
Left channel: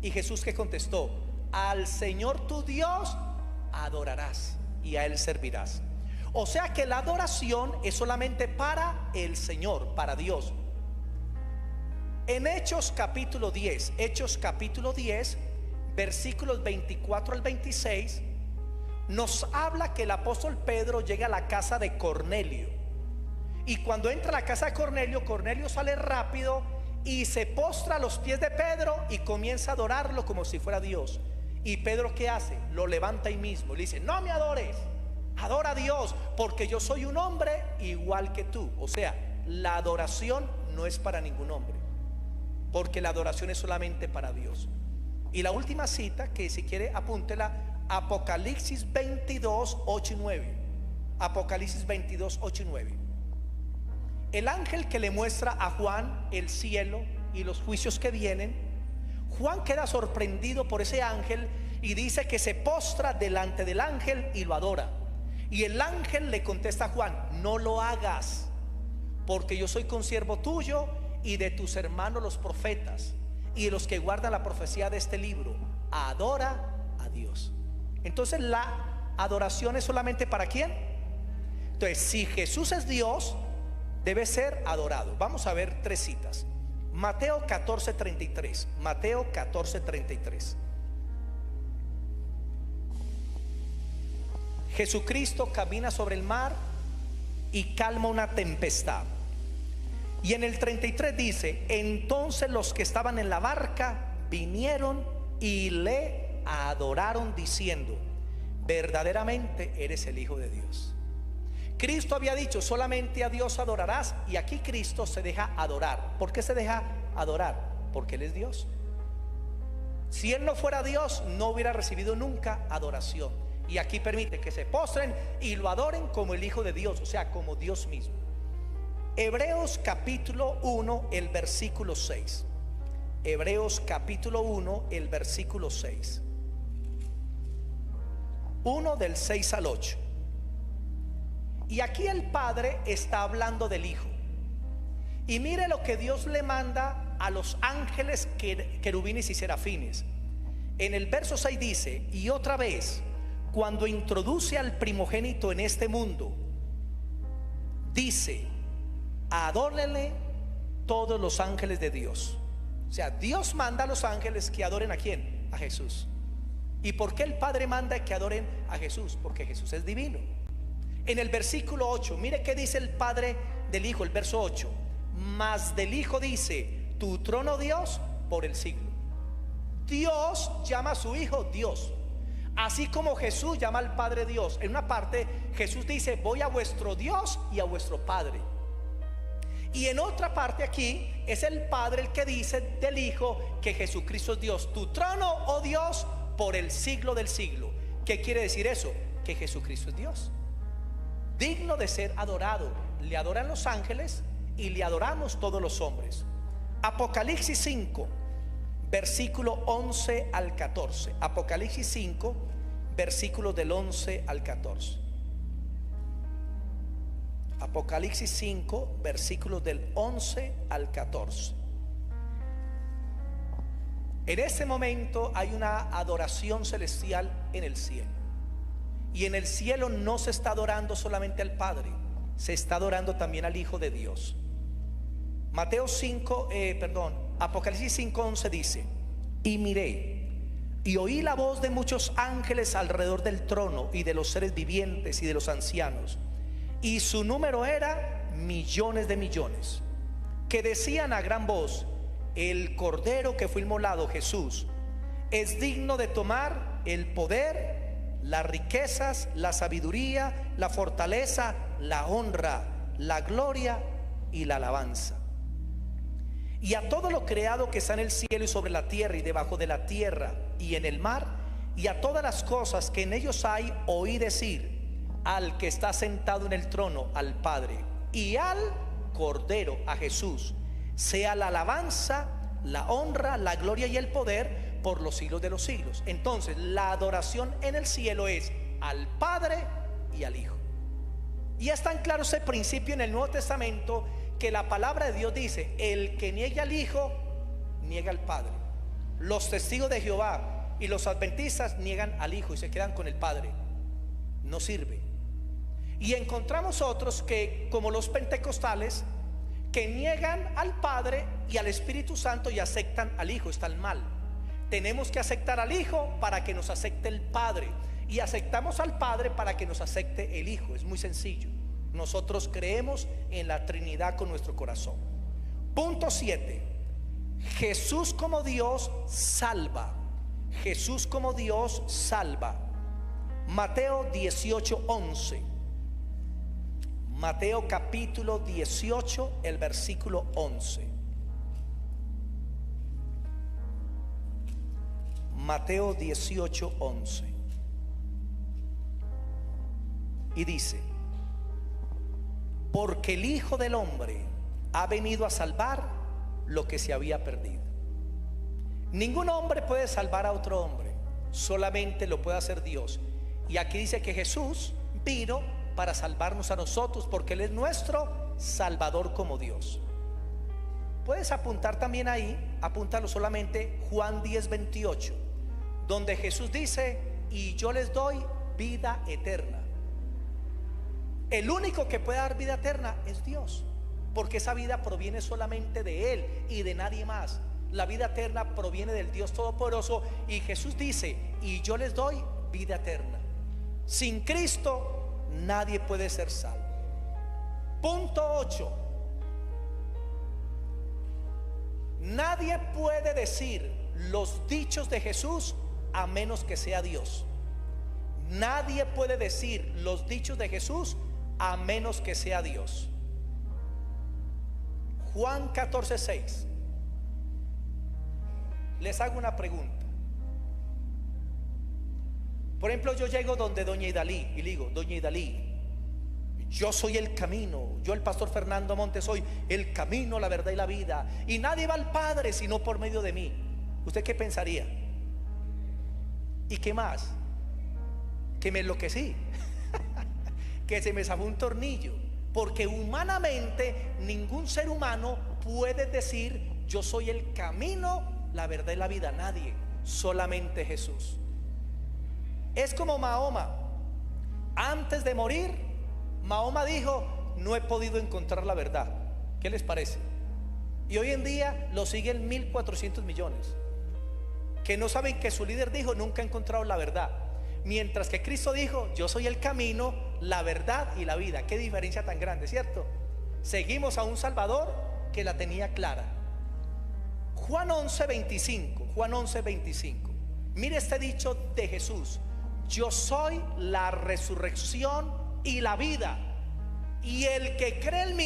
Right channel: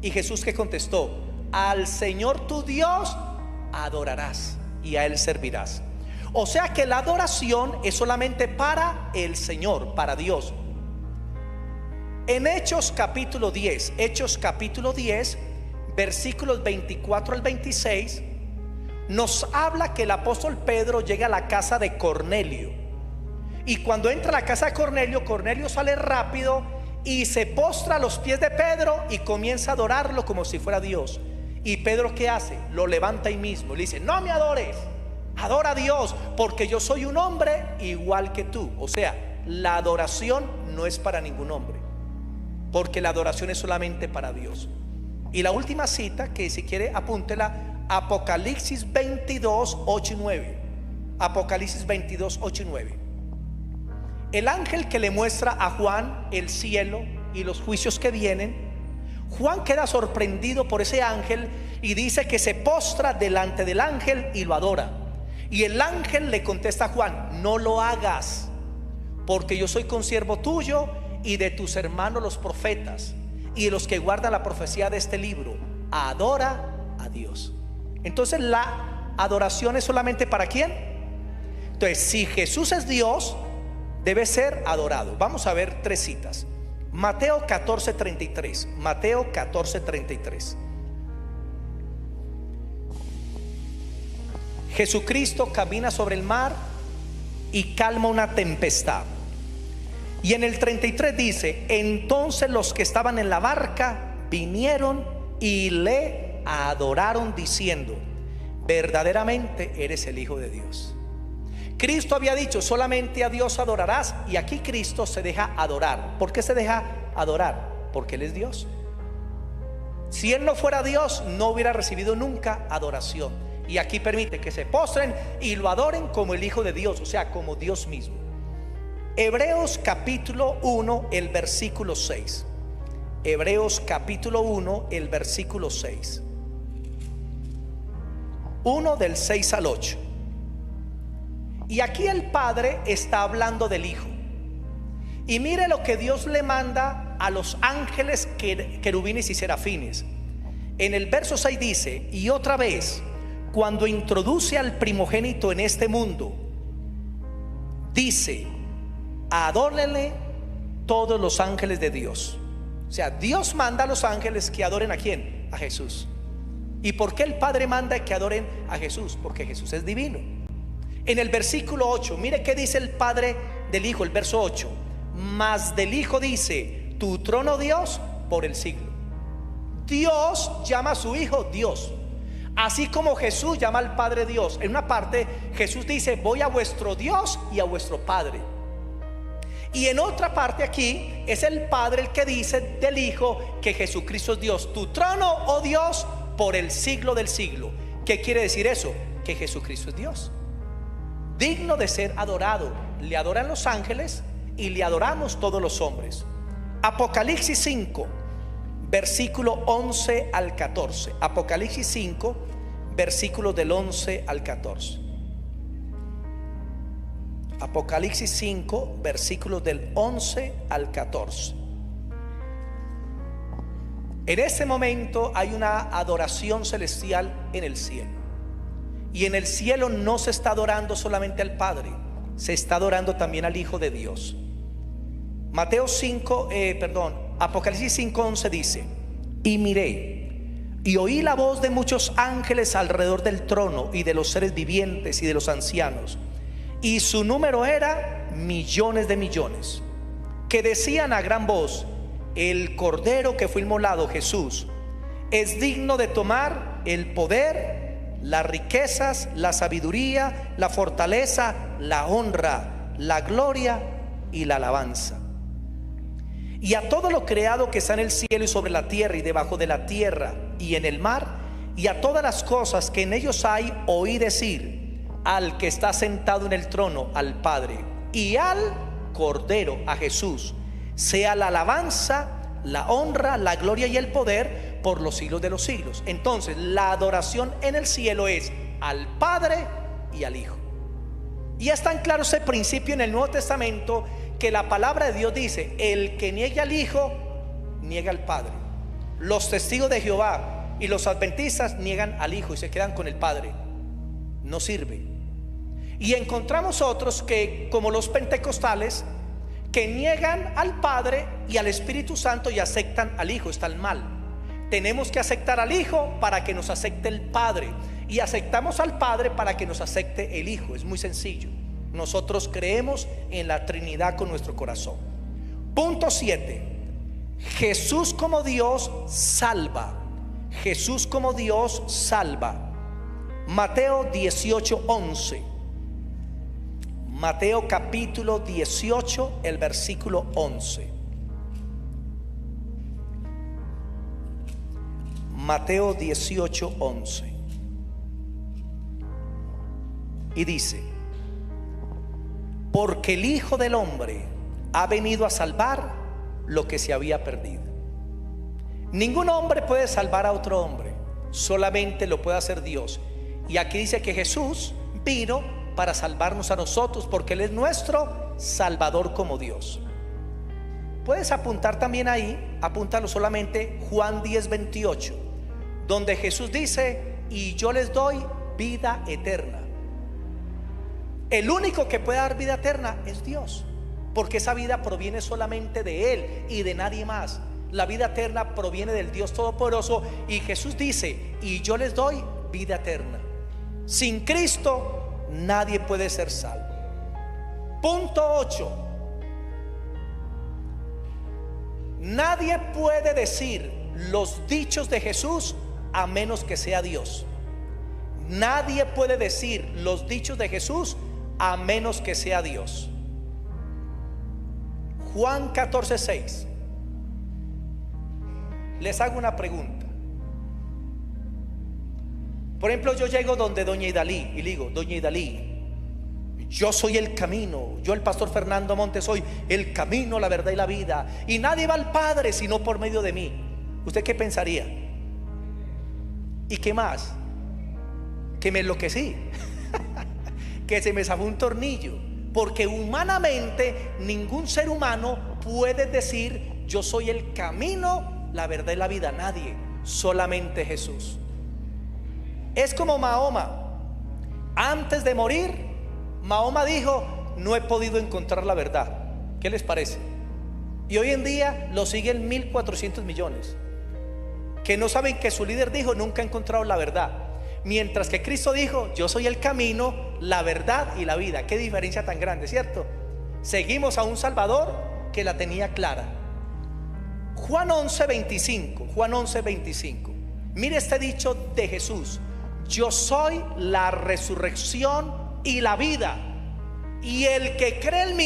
Y Jesús, ¿qué contestó? Al Señor tu Dios adorarás y a Él servirás. O sea que la adoración es solamente para el Señor, para Dios. En Hechos capítulo 10, versículos 24 al 26, nos habla que el apóstol Pedro llega a la casa de Cornelio. Y cuando entra a la casa de Cornelio, Cornelio sale rápido y se postra a los pies de Pedro y comienza a adorarlo como si fuera Dios. Y Pedro, ¿qué hace? Lo levanta ahí mismo, le dice: no me adores, adora a Dios, porque yo soy un hombre igual que tú. O sea, la adoración no es para ningún hombre, porque la adoración es solamente para Dios. Y la última cita, que si quiere apúntela: Apocalipsis 22, 8 y 9. Apocalipsis 22, 8 y 9. El ángel que le muestra a Juan el cielo y los juicios que vienen, Juan queda sorprendido por ese ángel y dice que se postra delante del ángel y lo adora. Y el ángel le contesta a Juan: no lo hagas, porque yo soy consiervo tuyo y de tus hermanos los profetas y de los que guardan la profecía de este libro. Adora a Dios. Entonces la adoración es solamente para ¿quién? Entonces, si Jesús es Dios, debe ser adorado. Vamos a ver tres citas. Mateo 14:33. Mateo 14:33. Jesucristo camina sobre el mar y calma una tempestad. Y en el 33 dice: entonces los que estaban en la barca vinieron y le adoraron diciendo: verdaderamente eres el Hijo de Dios. Cristo había dicho: solamente a Dios adorarás. Y aquí Cristo se deja adorar. ¿Por qué se deja adorar? Porque Él es Dios. Si Él no fuera Dios, no hubiera recibido nunca adoración. Y aquí permite que se postren y lo adoren como el Hijo de Dios, o sea, como Dios mismo. Hebreos capítulo 1, el versículo 6. Hebreos capítulo 1, el versículo 6. 1 del 6 al 8. Y aquí el Padre está hablando del Hijo. Y mire lo que Dios le manda a los ángeles querubines y serafines. En el verso 6 dice: y otra vez, cuando introduce al primogénito en este mundo, dice: adórenle todos los ángeles de Dios. O sea, Dios manda a los ángeles que adoren ¿a quién? A Jesús. ¿Y por qué el Padre manda que adoren a Jesús? Porque Jesús es divino. En el versículo 8, mire qué dice el Padre del Hijo, el verso 8: mas del Hijo dice: tu trono, Dios, por el siglo. Dios llama a su Hijo Dios, así como Jesús llama al Padre Dios. En una parte Jesús dice: voy a vuestro Dios y a vuestro Padre. Y en otra parte aquí es el Padre el que dice del Hijo que Jesucristo es Dios. Tu trono, oh Dios, por el siglo del siglo. ¿Qué quiere decir eso? Que Jesucristo es Dios, digno de ser adorado. Le adoran los ángeles y le adoramos todos los hombres. Apocalipsis 5, versículo 11 al 14. Apocalipsis 5, versículos del 11 al 14. Apocalipsis 5, versículos del 11 al 14. En este momento hay una adoración celestial en el cielo. Y en el cielo no se está adorando solamente al Padre, se está adorando también al Hijo de Dios. Apocalipsis 5:11 dice: y miré y oí la voz de muchos ángeles alrededor del trono y de los seres vivientes y de los ancianos, y su número era millones de millones, que decían a gran voz: el Cordero que fue inmolado, Jesús, es digno de tomar el poder, las riquezas, la sabiduría, la fortaleza, la honra, la gloria y la alabanza. Y a todo lo creado que está en el cielo y sobre la tierra y debajo de la tierra y en el mar, y a todas las cosas que en ellos hay, oí decir al que está sentado en el trono, al Padre, y al Cordero, a Jesús, sea la alabanza, la honra, la gloria y el poder por los siglos de los siglos. Entonces la adoración en el cielo es al Padre y al Hijo. Y es tan claro ese principio en el Nuevo Testamento que la palabra de Dios dice: el que niegue al Hijo, niega al Padre. Los testigos de Jehová y los adventistas niegan al Hijo y se quedan con el Padre. No sirve. Y encontramos otros que, como los pentecostales, que niegan al Padre y al Espíritu Santo y aceptan al Hijo. Están mal. Tenemos que aceptar al Hijo para que nos acepte el Padre, y aceptamos al Padre para que nos acepte el Hijo. Es muy sencillo. Nosotros creemos en la Trinidad con nuestro corazón. Punto 7. Jesús como Dios salva. Jesús como Dios salva. Mateo 18:11. Mateo capítulo 18, el versículo 11. Mateo 18:11. Y dice: porque el Hijo del Hombre ha venido a salvar lo que se había perdido. Ningún hombre puede salvar a otro hombre, solamente lo puede hacer Dios. Y aquí dice que Jesús vino para salvarnos a nosotros, porque Él es nuestro Salvador como Dios. Puedes apuntar también ahí, apúntalo solamente, Juan 10:28, donde Jesús dice: y yo les doy vida eterna. El único que puede dar vida eterna es Dios, porque esa vida proviene solamente de Él y de nadie más. La vida eterna proviene del Dios Todopoderoso, y Jesús dice: y yo les doy vida eterna. Sin Cristo nadie puede ser salvo. Punto 8. Nadie puede decir los dichos de Jesús a menos que sea Dios. Nadie puede decir los dichos de Jesús a menos que sea Dios. Juan 14:6. Les hago una pregunta: Por ejemplo, yo llego donde doña Idalí y le digo: doña Idalí, yo soy el camino, yo el pastor Fernando Montes soy el camino, la verdad y la vida, y nadie va al Padre sino por medio de mí. ¿Usted qué pensaría? ¿Y qué más? Que me enloquecí, que se me zafó un tornillo, porque humanamente ningún ser humano puede decir: yo soy el camino, la verdad y la vida. Nadie, solamente Jesús. Es como Mahoma. Antes de morir, Mahoma dijo: no he podido encontrar la verdad. ¿Qué les parece? Y hoy en día lo siguen 1.400 millones que no saben que su líder dijo: nunca he encontrado la verdad. Mientras que Cristo dijo: yo soy el camino, la verdad y la vida. Qué diferencia tan grande, ¿cierto? Seguimos a un Salvador que la tenía clara. Juan 11:25. Juan 11:25. Mire este dicho de Jesús: yo soy la resurrección y la vida, y el que cree en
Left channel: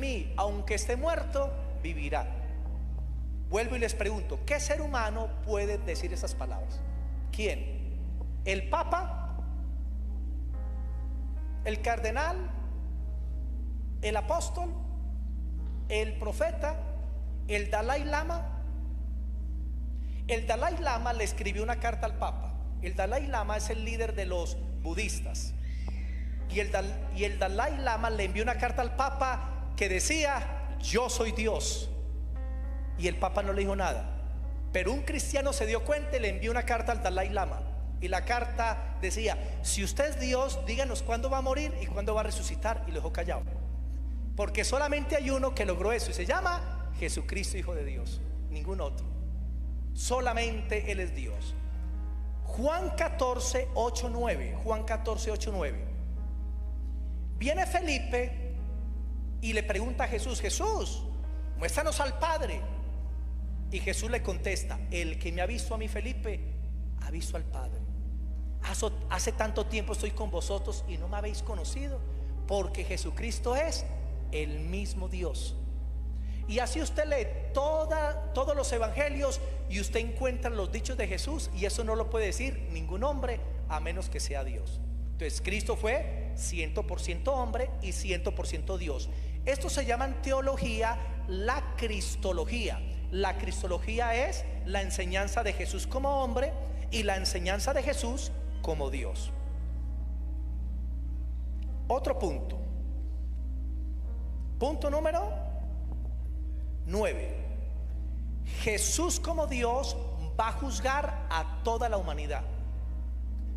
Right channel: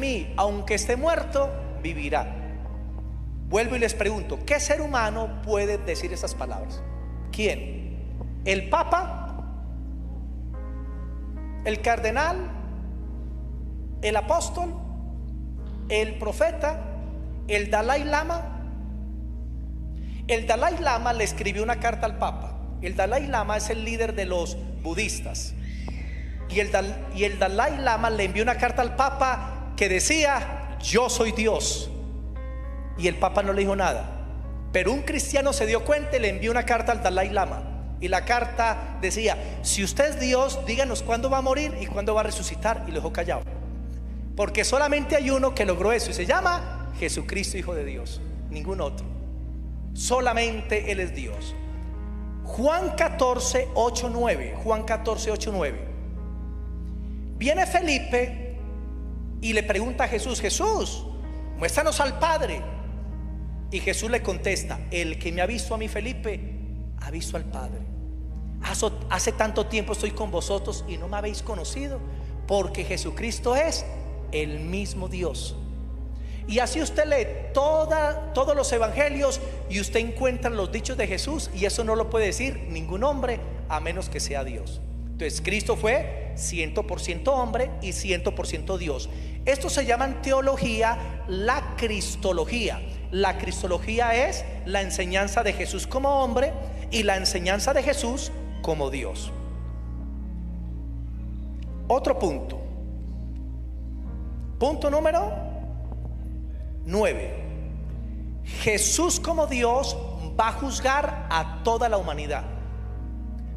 mí, aunque esté muerto, vivirá. Vuelvo y les pregunto: ¿qué ser humano puede decir esas palabras? ¿Quién? ¿El Papa? ¿El cardenal? ¿El apóstol? ¿El profeta? ¿El Dalai Lama? El Dalai Lama le escribió una carta al Papa. El Dalai Lama es el líder de los budistas, y el Dalai Lama le envió una carta al Papa que decía: yo soy Dios. Y el Papa no le dijo nada, pero un cristiano se dio cuenta y le envió una carta al Dalai Lama. Y la carta decía: si usted es Dios, díganos cuándo va a morir y cuándo va a resucitar. Y lo dejó callado, porque solamente hay uno que logró eso, y se llama Jesucristo, Hijo de Dios. Ningún otro, solamente Él es Dios. Juan 14:8-9. Juan 14:8-9. Viene Felipe y le pregunta a Jesús: Jesús, muéstranos al Padre. Y Jesús le contesta: el que me ha visto a mí, Felipe, ha visto al Padre. Hace tanto tiempo estoy con vosotros y no me habéis conocido, porque Jesucristo es el mismo Dios. Y así usted lee todos los evangelios y usted encuentra los dichos de Jesús, y eso no lo puede decir ningún hombre a menos que sea Dios. Entonces Cristo fue 100% hombre y 100% Dios. Esto se llama en teología la cristología. La cristología es la enseñanza de Jesús como hombre y la enseñanza de Jesús como Dios. Otro punto. Punto número 9. Jesús como Dios va a juzgar a toda la humanidad.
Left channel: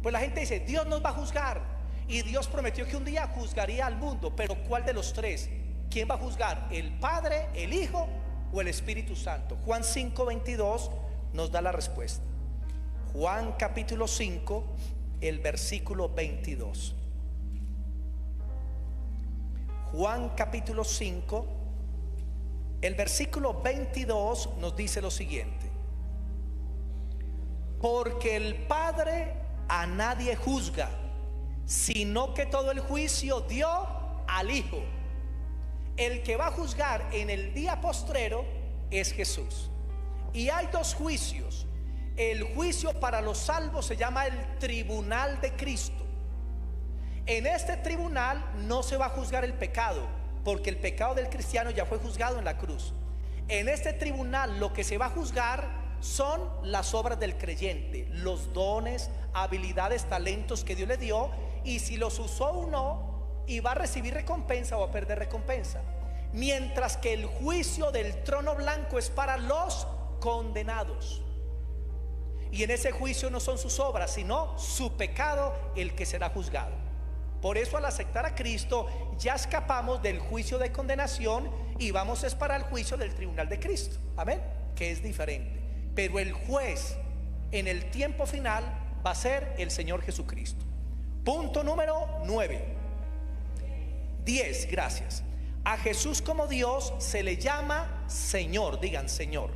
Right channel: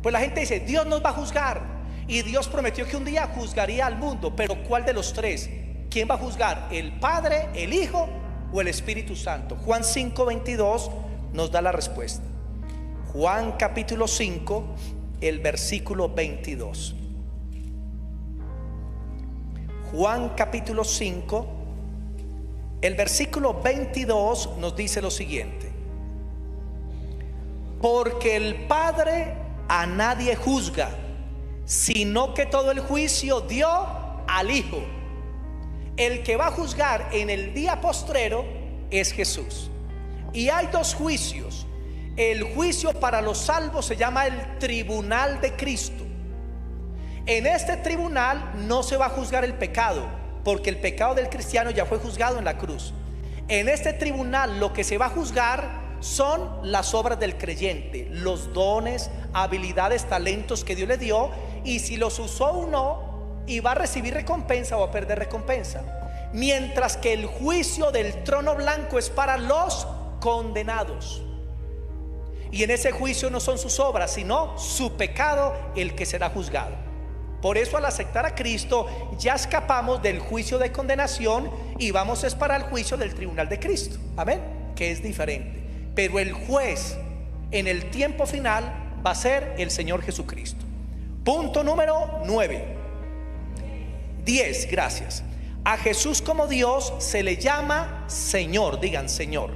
Pues la gente dice: Dios nos va a juzgar, y Dios prometió que un día juzgaría al mundo. Pero ¿cuál de los tres? ¿Quién va a juzgar? ¿El Padre, el Hijo o el Espíritu Santo? Juan 5:22 nos da la respuesta. Juan capítulo 5, el versículo 22. Juan capítulo 5, el versículo 22 nos dice lo siguiente: porque el Padre a nadie juzga, sino que todo el juicio dio al Hijo. El que va a juzgar en el día postrero es Jesús. Y hay dos juicios. El juicio para los salvos se llama el tribunal de Cristo. En este tribunal no se va a juzgar el pecado, porque el pecado del cristiano ya fue juzgado en la cruz. En este tribunal lo que se va a juzgar son las obras del creyente, los dones, habilidades, talentos que Dios le dio, y si los usó o no, y va a recibir recompensa o a perder recompensa. Mientras que el juicio del trono blanco es para los condenados, y en ese juicio no son sus obras, sino su pecado el que será juzgado. Por eso, al aceptar a Cristo, ya escapamos del juicio de condenación y vamos es para el juicio del tribunal de Cristo. Amén, que es diferente. Pero el juez en el tiempo final va a ser el Señor Jesucristo. Punto número 9. 10, gracias. A Jesús como Dios se le llama Señor. Digan Señor.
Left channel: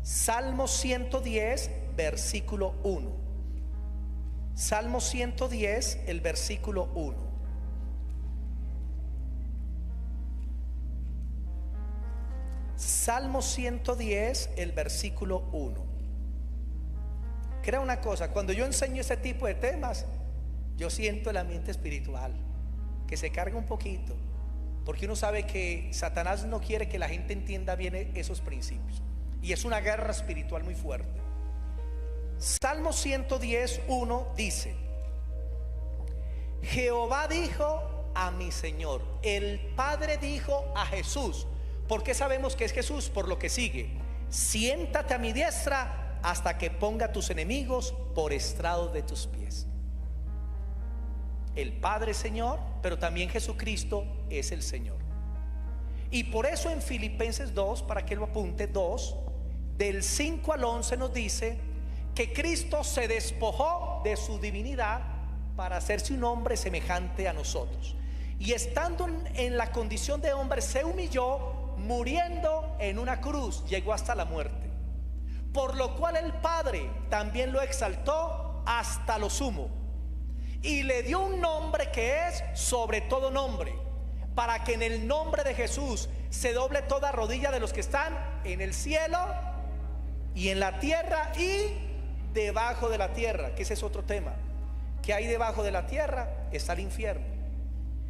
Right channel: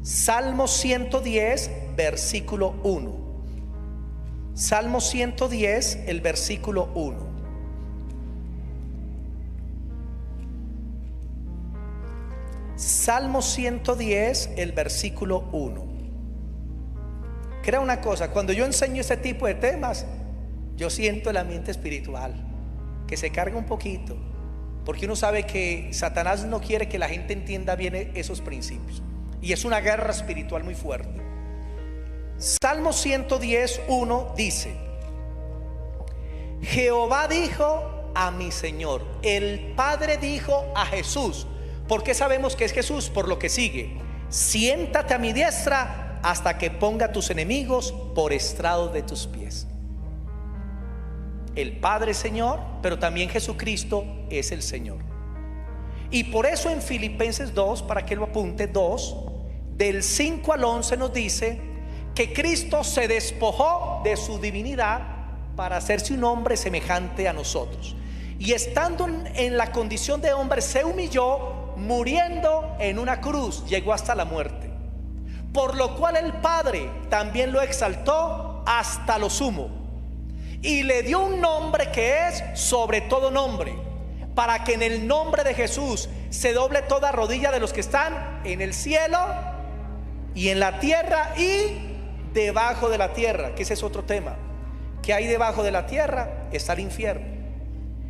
Salmo 110, versículo 1. Salmo 110, el versículo 1. Salmo 110, el versículo 1. crea una cosa, cuando yo enseño este tipo de temas, yo siento el ambiente espiritual que se carga un poquito, porque uno sabe que Satanás no quiere que la gente entienda bien esos principios, y es una guerra espiritual muy fuerte. Salmo 110:1 dice: Jehová dijo a mi Señor. El Padre dijo a Jesús. ¿Por qué sabemos que es Jesús? Por lo que sigue: siéntate a mi diestra hasta que ponga tus enemigos por estrado de tus pies. El Padre es Señor, pero también Jesucristo es el Señor. Y por eso en Filipenses 2, para que lo apunte, 2 del 5 al 11 nos dice que Cristo se despojó de su divinidad para hacerse un hombre semejante a nosotros, y estando en la condición de hombre se humilló, muriendo en una cruz, llegó hasta la muerte, por lo cual el Padre también lo exaltó hasta lo sumo y le dio un nombre que es sobre todo nombre, para que en el nombre de Jesús se doble toda rodilla de los que están en el cielo y en la tierra y debajo de la tierra, que ese es otro tema. Que hay debajo de la tierra está el infierno.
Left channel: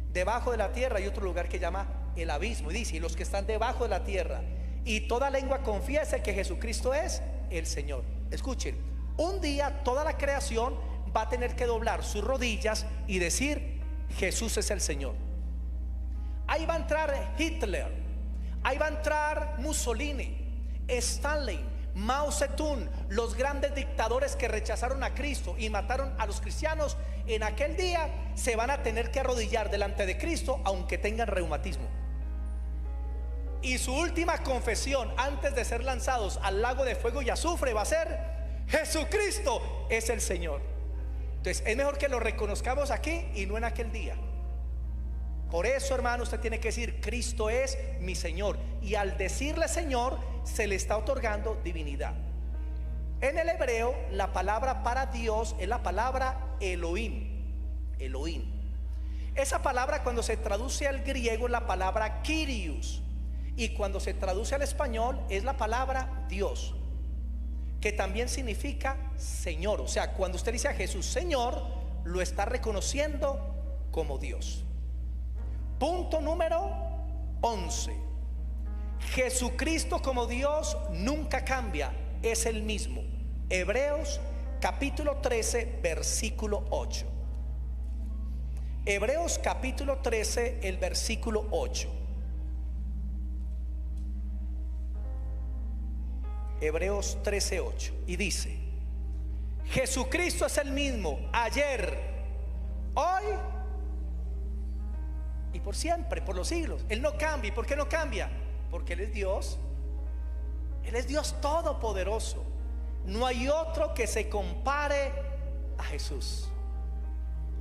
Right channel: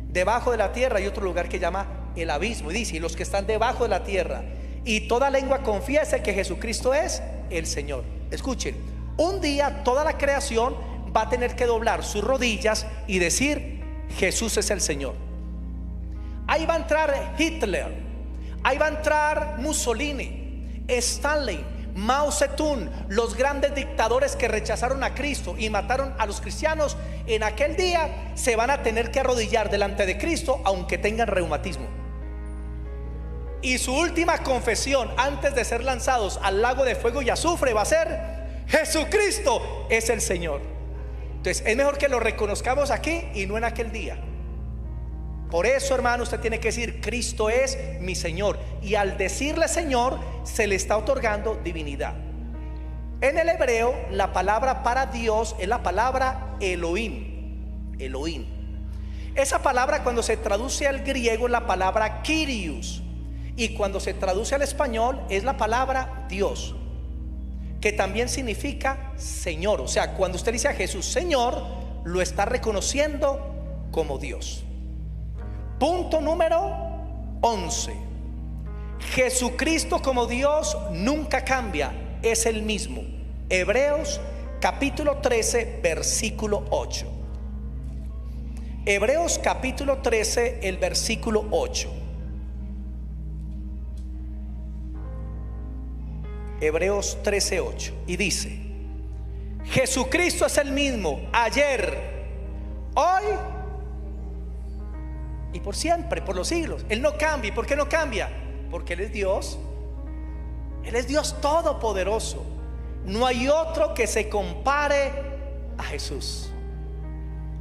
Debajo de la tierra hay otro lugar que llama el abismo, y dice: y los que están debajo de la tierra, y toda lengua confiese que Jesucristo es el Señor. Escuchen, un día toda la creación va a tener que doblar sus rodillas y decir: Jesús es el Señor. Ahí va a entrar Hitler, ahí va a entrar Mussolini, Stalin, Mao Zedong, los grandes dictadores que rechazaron a Cristo y mataron a los cristianos. En aquel día se van a tener que arrodillar delante de Cristo, aunque tengan reumatismo. Y su última confesión antes de ser lanzados al lago de fuego y azufre va a ser: Jesucristo es el Señor. Entonces es mejor que lo reconozcamos aquí y no en aquel día. Por eso, hermano, usted tiene que decir: Cristo es mi Señor. Y al decirle Señor, se le está otorgando divinidad. En el hebreo, la palabra para Dios es la palabra Elohim. Elohim. Esa palabra, cuando se traduce al griego, es la palabra Kyrios. Y cuando se traduce al español, es la palabra Dios, que también significa Señor. O sea, cuando usted dice a Jesús Señor, lo está reconociendo como Dios. Punto número 11. Jesucristo como Dios nunca cambia, es el mismo. Hebreos capítulo 13, versículo 8. Hebreos capítulo 13, el versículo 8. Hebreos 13, 8. Y dice: Jesucristo es el mismo ayer, hoy y por siempre, por los siglos. Él no cambia. ¿Y por qué no cambia? Porque Él es Dios. Él es Dios todopoderoso. No hay otro que se compare a Jesús.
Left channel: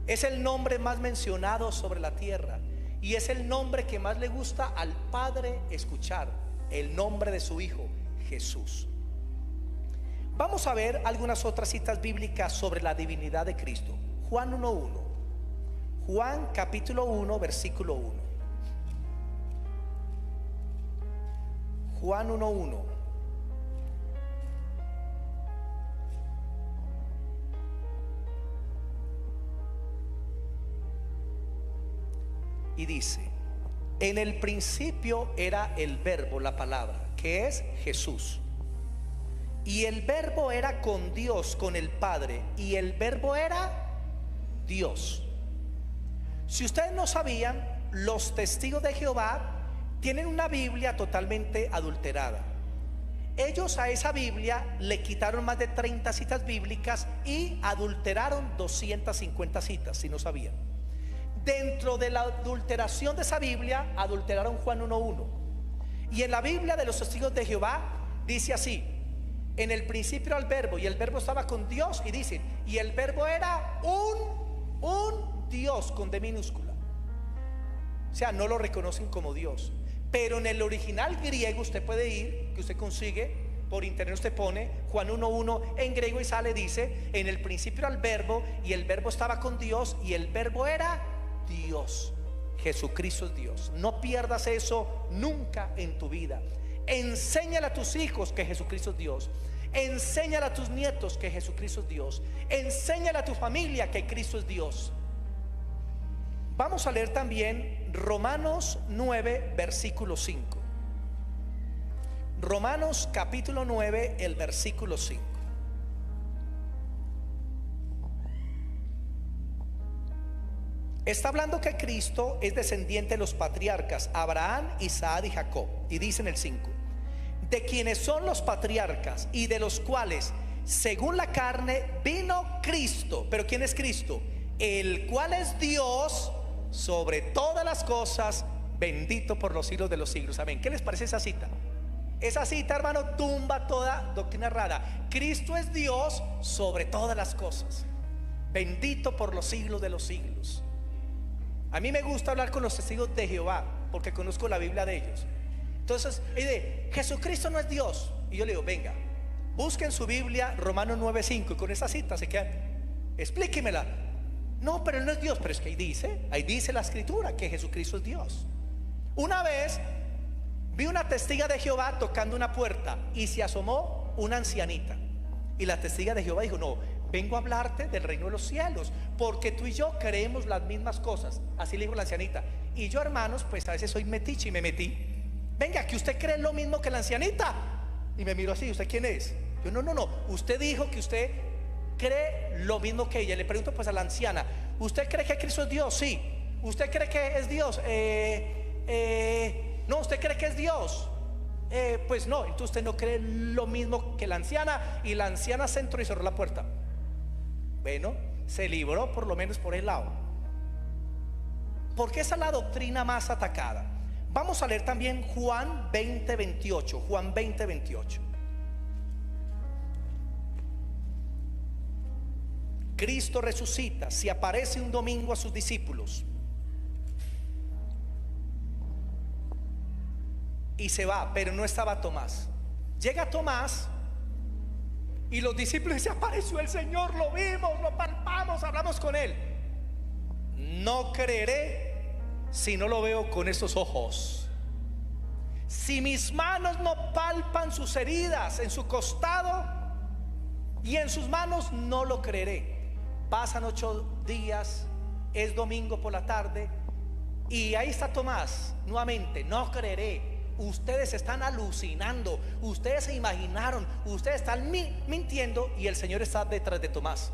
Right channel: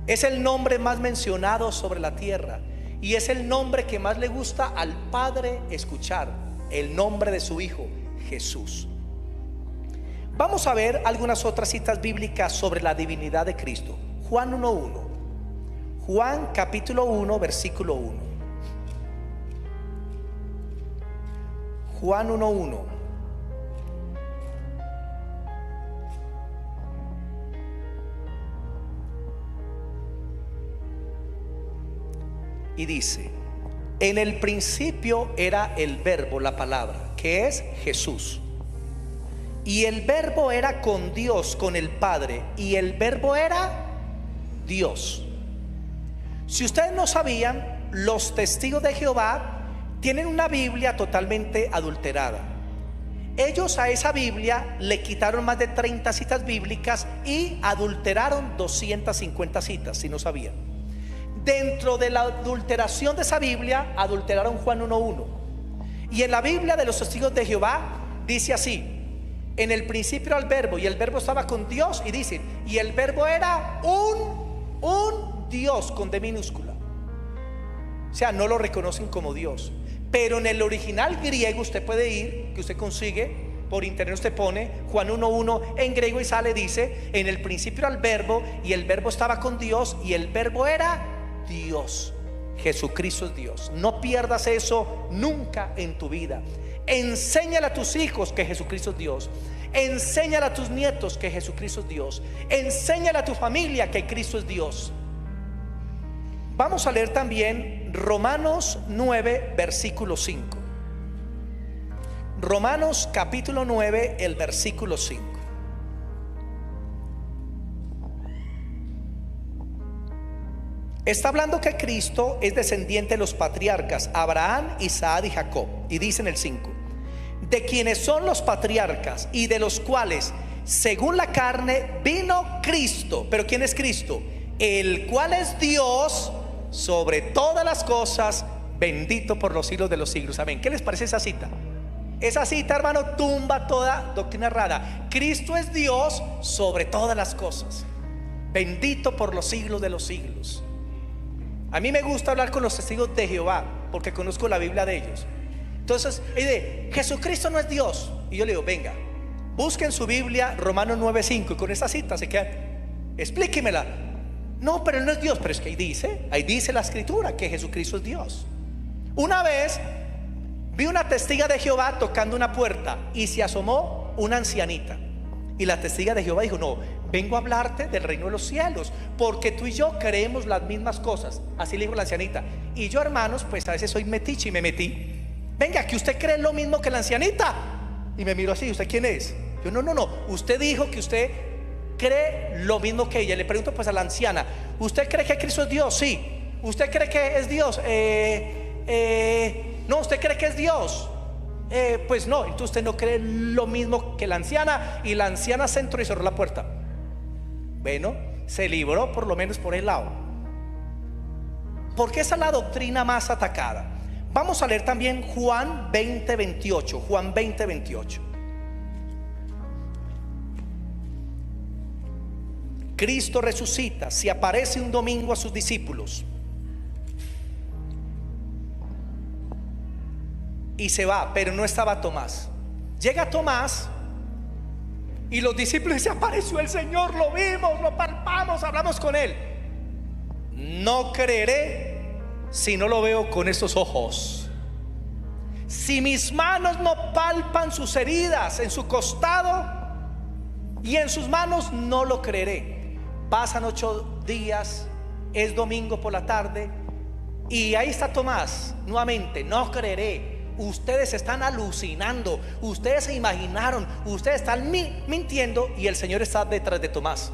Es el nombre más mencionado sobre la tierra, y es el nombre que más le gusta al Padre escuchar, el nombre de su Hijo, Jesús. Vamos a ver algunas otras citas bíblicas sobre la divinidad de Cristo. Juan 1:1. Juan capítulo 1, versículo 1. Juan 1:1. Y dice: en el principio era el verbo, la palabra, que es Jesús. Y el verbo era con Dios, con el Padre, y el verbo era Dios. Si ustedes no sabían, los testigos de Jehová tienen una Biblia totalmente adulterada. Ellos a esa Biblia le quitaron más de 30 citas bíblicas y adulteraron 250 citas, si no sabían. Dentro de la adulteración de esa Biblia, adulteraron Juan 1:1. Y en la Biblia de los testigos de Jehová dice así: en el principio era el verbo, y el verbo estaba con Dios, y dicen, y el verbo era un Dios con D minúscula. O sea, no lo reconocen como Dios. Pero en el original griego usted puede ir, que usted consigue por internet, usted pone Juan 1:1 en griego y sale, dice: en el principio era el verbo, y el verbo estaba con Dios, y el verbo era Dios. Jesucristo es Dios. No pierdas eso nunca en tu vida. Enséñale a tus hijos que Jesucristo es Dios. Enséñale a tus nietos que Jesucristo es Dios. Enséñale a tu familia que Cristo es Dios. Vamos a leer también Romanos 9, versículo 5. Romanos capítulo 9, el versículo 5. Está hablando que Cristo es descendiente de los patriarcas Abraham, Isaac y Jacob. Y dice en el 5: de quienes son los patriarcas y de los cuales según la carne vino Cristo. Pero ¿quién es Cristo? El cual es Dios sobre todas las cosas, bendito por los siglos de los siglos. Amén. ¿Qué les parece esa cita? Esa cita, hermano, tumba toda doctrina errada. Cristo es Dios sobre todas las cosas, bendito por los siglos de los siglos. A mí me gusta hablar con los testigos de Jehová porque conozco la Biblia de ellos. Entonces, Jesucristo no es Dios. Y yo le digo, venga, busquen su Biblia, Romanos 9:5, y con esa cita se quedan, explíquemela. No, pero él no es Dios. Pero es que ahí dice la escritura que Jesucristo es Dios. Una vez vi una testiga de Jehová tocando una puerta y se asomó una ancianita. Y la testiga de Jehová dijo: no, vengo a hablarte del reino de los cielos, porque tú y yo creemos las mismas cosas. Así le dijo la ancianita. Y yo, hermanos, pues a veces soy metiche y me metí. Venga, que usted cree lo mismo que la ancianita. Y me miró así: ¿usted quién es? Yo, no, usted dijo que usted cree lo mismo que ella. Le pregunto pues a la anciana: ¿usted cree que Cristo es Dios? Sí. ¿Usted cree que es Dios? No, ¿usted cree que es Dios? Pues no. Entonces usted no cree lo mismo que la anciana. Y la anciana se entró y cerró la puerta. Bueno, se libró por lo menos por el lado, porque esa es la doctrina más atacada. Vamos a leer también Juan 20:28. Juan 20:28. Cristo resucita, se aparece un domingo a sus discípulos y se va, pero no estaba Tomás. Llega Tomás y los discípulos: se apareció el Señor, lo vimos, lo palpamos, hablamos con él. No creeré si no lo veo con estos ojos. Si mis manos no palpan sus heridas en su costado y en sus manos, no lo creeré. Pasan 8 días, es domingo por la tarde, y ahí está Tomás nuevamente: no creeré. Ustedes están alucinando, ustedes se imaginaron, ustedes están mintiendo. Y el Señor está detrás de Tomás,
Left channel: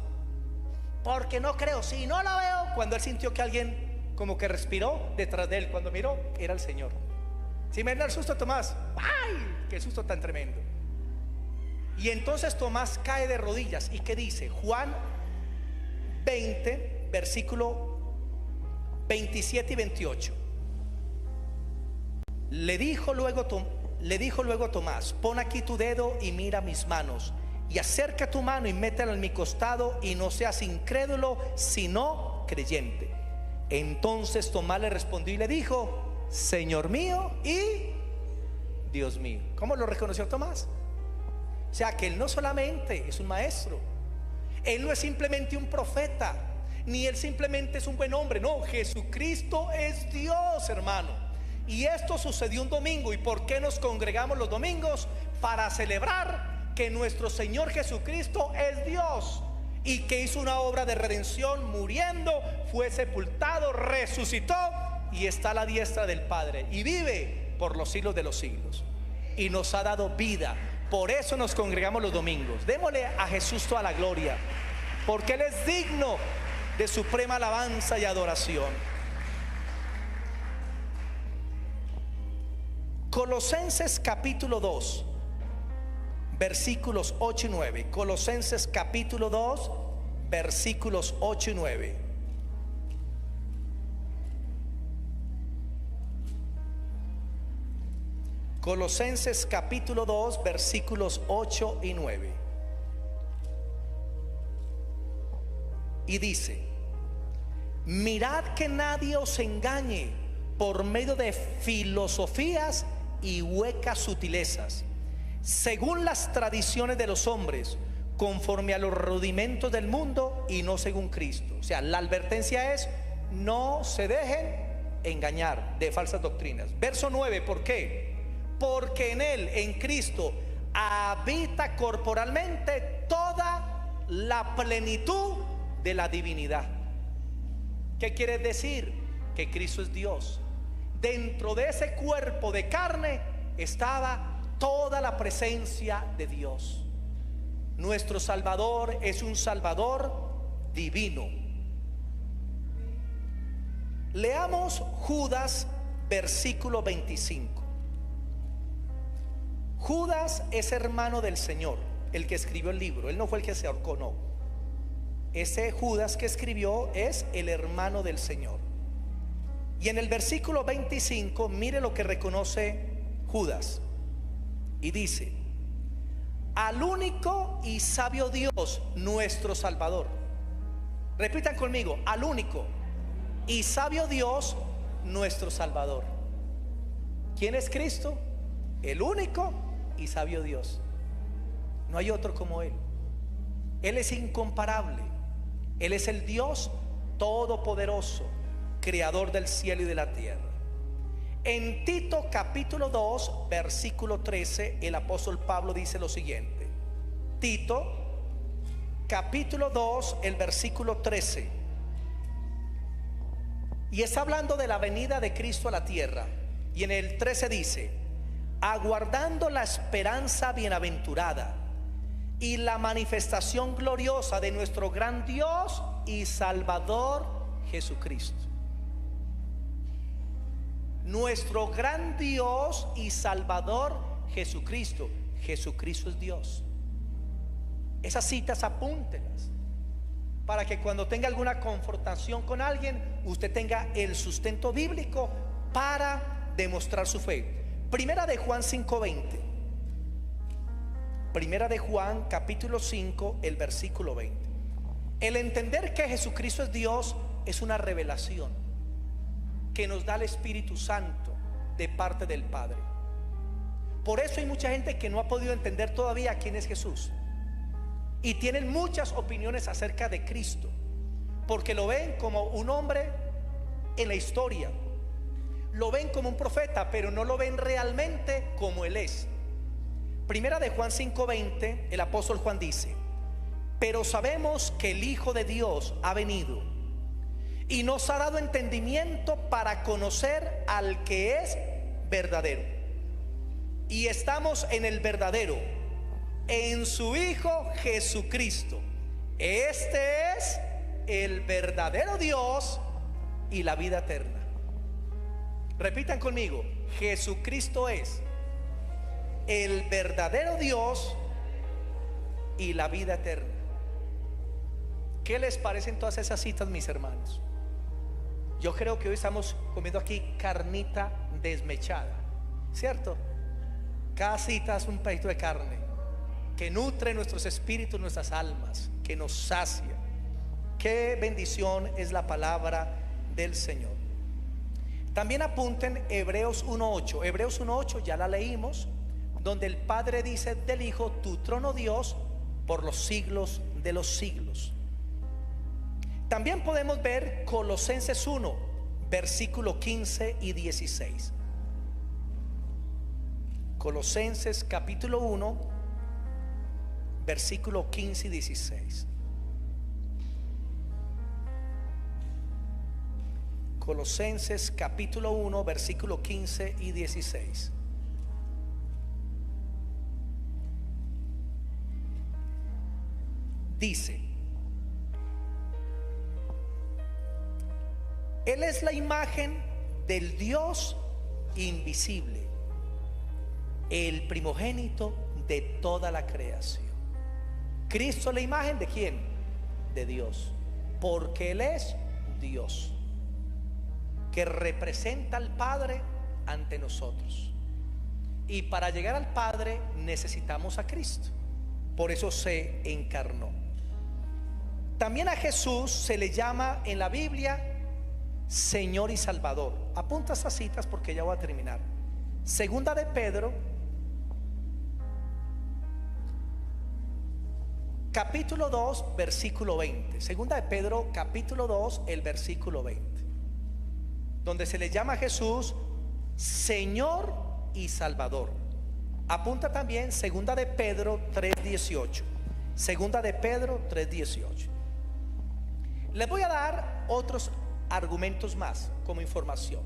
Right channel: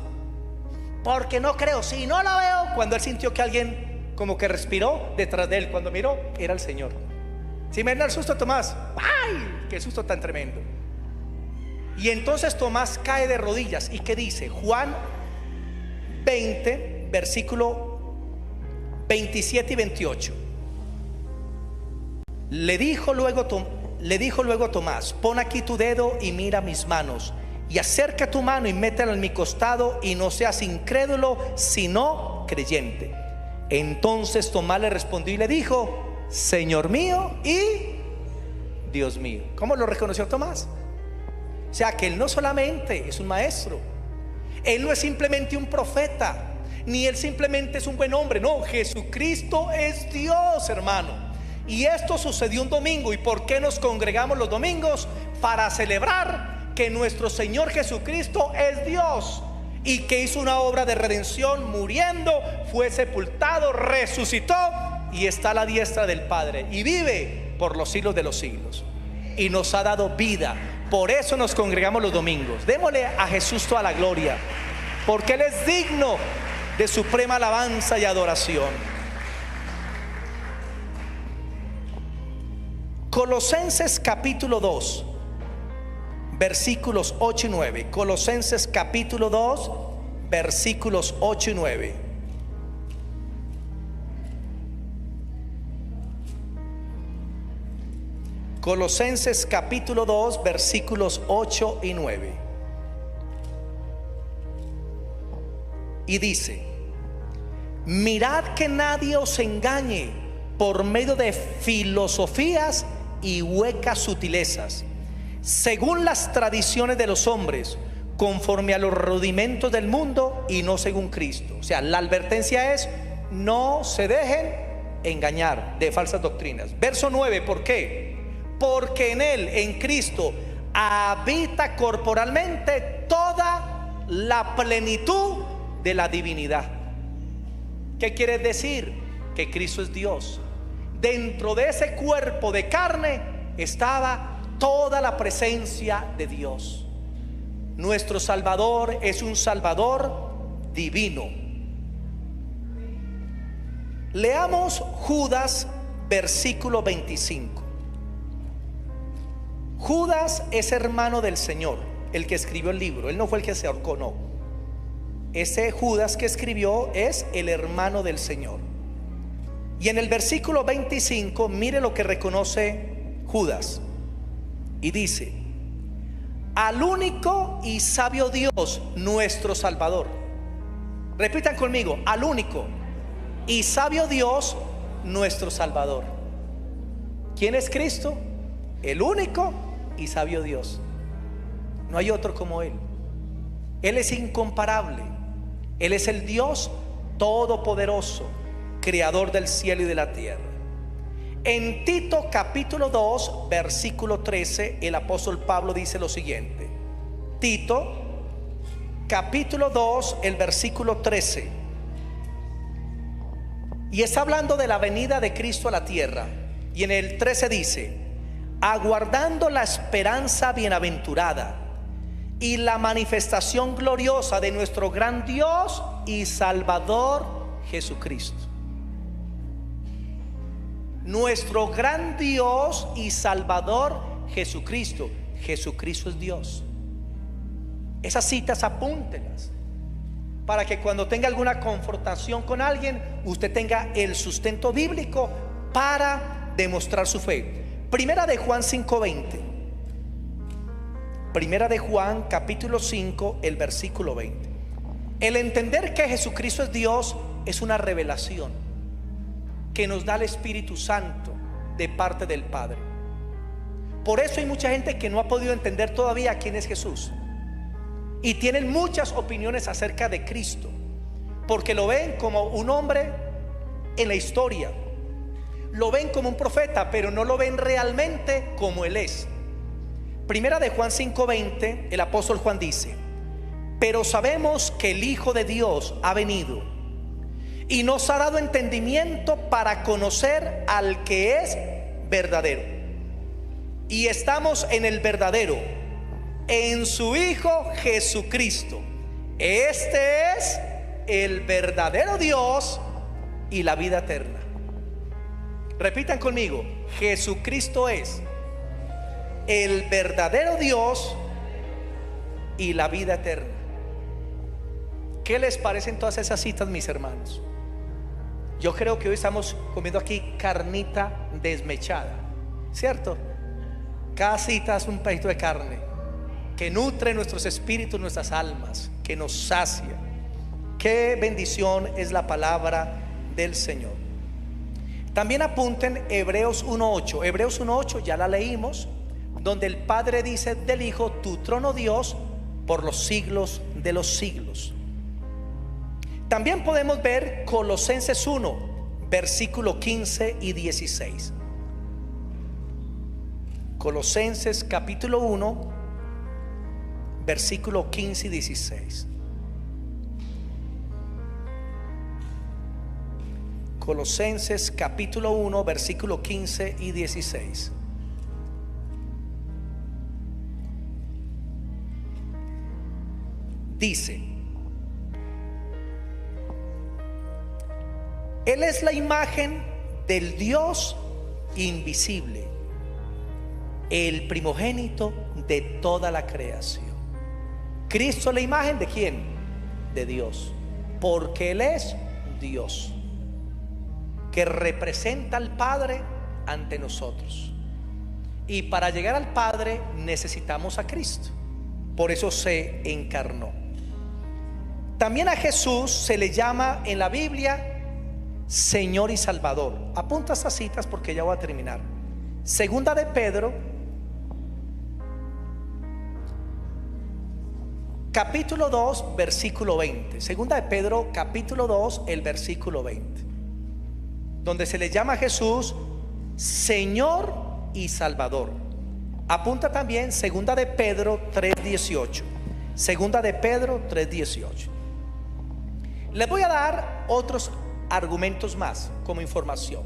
porque no creo, si no la veo. Cuando él sintió que alguien como que respiró detrás de él, cuando miró, era el Señor. Si me da el susto Tomás, ¡ay! ¡Qué susto tan tremendo! Y entonces Tomás cae de rodillas. ¿Y qué dice? Juan 20, versículo 27 y 28. Le dijo luego Tomás: pon aquí tu dedo y mira mis manos, y acerca tu mano y métela en mi costado, y no seas incrédulo sino creyente. Entonces Tomás le respondió y le dijo: Señor mío y Dios mío. ¿Cómo lo reconoció Tomás? O sea, que él no solamente es un maestro, él no es simplemente un profeta, ni él simplemente es un buen hombre. No, Jesucristo es Dios, hermano. Y esto sucedió un domingo. ¿Y por qué nos congregamos los domingos? Para celebrar que nuestro Señor Jesucristo es Dios, y que hizo una obra de redención muriendo, fue sepultado, resucitó y está a la diestra del Padre y vive por los siglos de los siglos, y nos ha dado vida. Por eso nos congregamos los domingos. Démosle a Jesús toda la gloria, porque Él es digno de suprema alabanza y adoración. Colosenses capítulo 2, versículos 8 y 9. Colosenses capítulo 2, versículos 8 y 9. Colosenses capítulo 2, versículos 8 y 9. Y dice: mirad que nadie os engañe por medio de filosofías y huecas sutilezas, según las tradiciones de los hombres, conforme a los rudimentos del mundo y no según Cristo. O sea, la advertencia es: no se dejen engañar de falsas doctrinas. Verso 9, ¿por qué? Porque en Él, en Cristo, habita corporalmente toda la plenitud de la divinidad. ¿Qué quiere decir? Que Cristo es Dios. Dentro de ese cuerpo de carne estaba toda la presencia de Dios. Nuestro Salvador es un Salvador divino. Leamos Judas, versículo 25. Judas es hermano del Señor, el que escribió el libro. Él no fue el que se ahorcó, no. Ese Judas que escribió es el hermano del Señor. Y en el versículo 25, mire lo que reconoce Judas. Y dice: al único y sabio Dios, nuestro Salvador. Repitan conmigo: al único y sabio Dios, nuestro Salvador. ¿Quién es Cristo? El único y sabio Dios. No hay otro como Él. Él es incomparable. Él es el Dios todopoderoso, creador del cielo y de la tierra. En Tito capítulo 2 versículo 13, el apóstol Pablo dice lo siguiente. Tito capítulo 2, el versículo 13. Y está hablando de la venida de Cristo a la tierra. Y en el 13 dice: aguardando la esperanza bienaventurada y la manifestación gloriosa de nuestro gran Dios y Salvador Jesucristo. Nuestro gran Dios y Salvador Jesucristo. Jesucristo es Dios. Esas citas apúntelas, para que cuando tenga alguna confrontación con alguien, usted tenga el sustento bíblico para demostrar su fe. Primera de Juan 5:20. Primera de Juan capítulo 5, el versículo 20. El entender que Jesucristo es Dios es una revelación que nos da el Espíritu Santo de parte del Padre. Por eso hay mucha gente que no ha podido entender todavía quién es Jesús, y tienen muchas opiniones acerca de Cristo, porque lo ven como un hombre en la historia, lo ven como un profeta, pero no lo ven realmente como Él es. Primera de Juan 5:20, el apóstol Juan dice: pero sabemos que el Hijo de Dios ha venido y nos ha dado entendimiento para conocer al que es verdadero. Y estamos en el verdadero, en su Hijo Jesucristo. Este es el verdadero Dios y la vida eterna. Repitan conmigo: Jesucristo es el verdadero Dios y la vida eterna. ¿Qué les parecen todas esas citas, mis hermanos? Yo creo que hoy estamos comiendo aquí carnita desmechada, ¿cierto? Cada cita es un pedacito de carne que nutre nuestros espíritus, nuestras almas, que nos sacia. Qué bendición es la palabra del Señor. También apunten Hebreos 1:8. Hebreos 1:8 ya la leímos, donde el Padre dice del Hijo: tu trono, Dios, por los siglos de los siglos. También podemos ver Colosenses 1, versículo 15 y 16. Colosenses capítulo 1, versículo 15 y 16. Colosenses capítulo 1, versículo 15 y 16. Dice: Él es la imagen del Dios invisible, el primogénito de toda la creación. Cristo es la imagen ¿de quién? De Dios, porque Él es Dios, que representa al Padre ante nosotros. Y para llegar al Padre necesitamos a Cristo. Por eso se encarnó. También a Jesús se le llama en la Biblia Señor y Salvador. Apunta estas citas porque ya voy a terminar. Segunda de Pedro capítulo 2 versículo 20. Segunda de Pedro capítulo 2, el versículo 20, donde se le llama a Jesús Señor y Salvador. Apunta también segunda de Pedro 3:18. Segunda de Pedro 3:18. Les voy a dar otros argumentos más como información.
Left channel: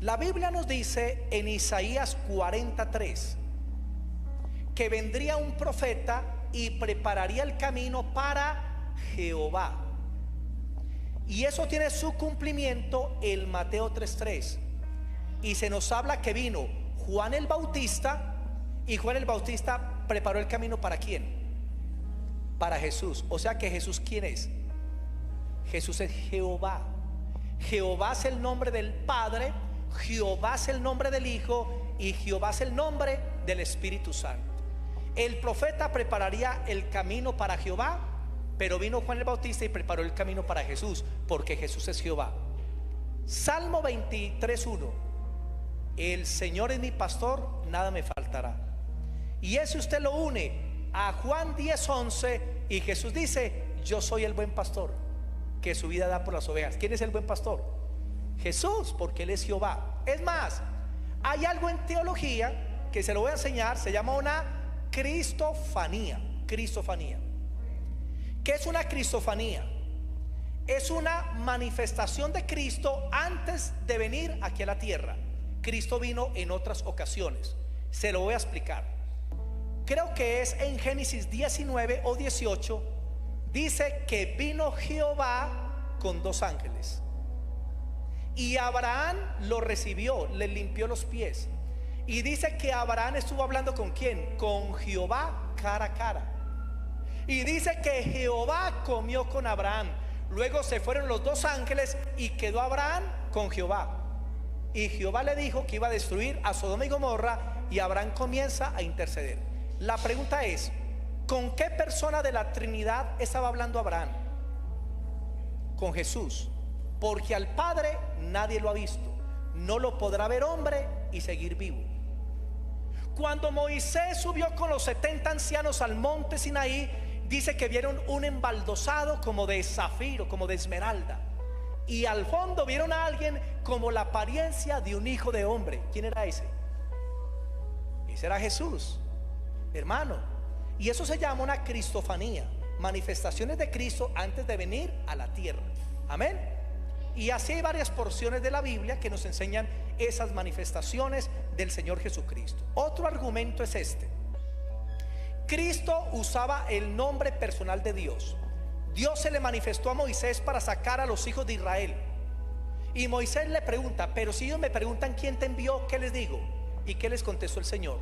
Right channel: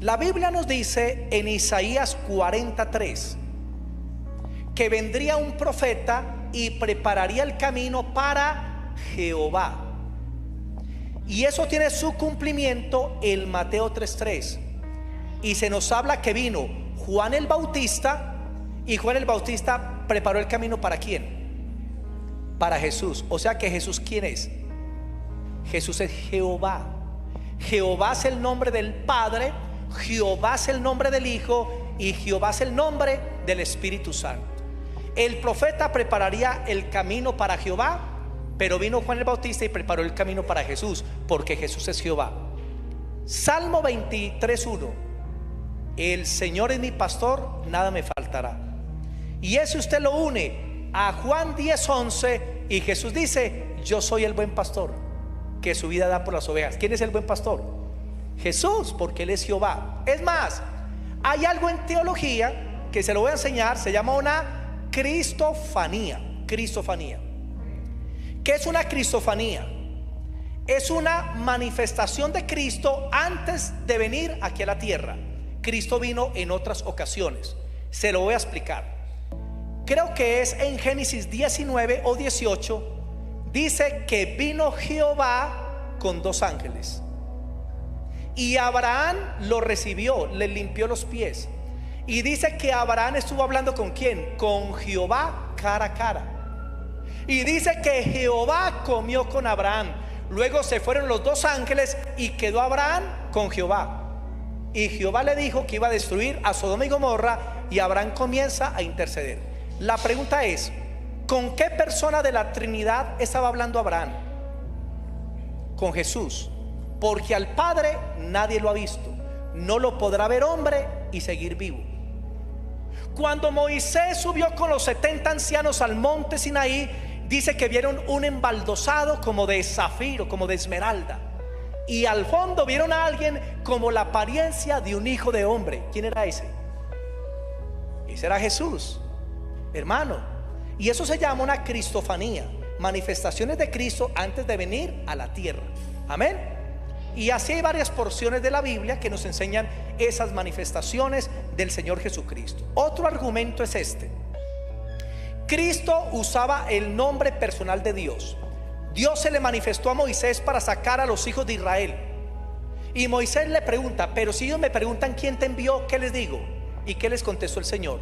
La Biblia nos dice en Isaías 43 que vendría un profeta y prepararía el camino para Jehová. Y eso tiene su cumplimiento en Mateo 3:3. Y se nos habla que vino Juan el Bautista, y Juan el Bautista preparó el camino ¿para quién? Para Jesús. O sea que Jesús, ¿quién es? Jesús es Jehová. Jehová es el nombre del Padre, Jehová es el nombre del Hijo y Jehová es el nombre del Espíritu Santo. El profeta prepararía el camino para Jehová, pero vino Juan el Bautista y preparó el camino para Jesús, porque Jesús es Jehová. Salmo 23:1. El Señor es mi pastor, nada me faltará. Y ese usted lo une a Juan 10:11 y Jesús dice: yo soy el buen pastor, que su vida da por las ovejas. ¿Quién es el buen pastor? Jesús, porque Él es Jehová. Es más, hay algo en teología que se lo voy a enseñar, se llama una cristofanía. Cristofanía. ¿Qué es una cristofanía? Es una manifestación de Cristo antes de venir aquí a la tierra. Cristo vino en otras ocasiones. Se lo voy a explicar. Creo que es en Génesis 19 o 18. Dice que vino Jehová con 2 ángeles. Y Abraham lo recibió, le limpió los pies. Y dice que Abraham estuvo hablando ¿con quién? Con Jehová cara a cara. Y dice que Jehová comió con Abraham. Luego se fueron los 2 ángeles y quedó Abraham con Jehová. Y Jehová le dijo que iba a destruir a Sodoma y Gomorra, y Abraham comienza a interceder. La pregunta es: ¿con qué persona de la Trinidad estaba hablando Abraham? Con Jesús. Porque al Padre nadie lo ha visto, no lo podrá ver hombre y seguir vivo. Cuando Moisés subió con los 70 ancianos al monte Sinaí, dice que vieron un embaldosado como de zafiro, como de esmeralda. Y al fondo vieron a alguien como la apariencia de un hijo de hombre. ¿Quién era ese? Ese era Jesús, hermano. Y eso se llama una cristofanía, manifestaciones de Cristo antes de venir a la tierra. Amén. Y así hay varias porciones de la Biblia que nos enseñan esas manifestaciones del Señor Jesucristo. Otro argumento es este: Cristo usaba el nombre personal de Dios. Dios se le manifestó a Moisés para sacar a los hijos de Israel. Y Moisés le pregunta: pero si ellos me preguntan quién te envió, ¿qué les digo? ¿Y qué les contestó el Señor?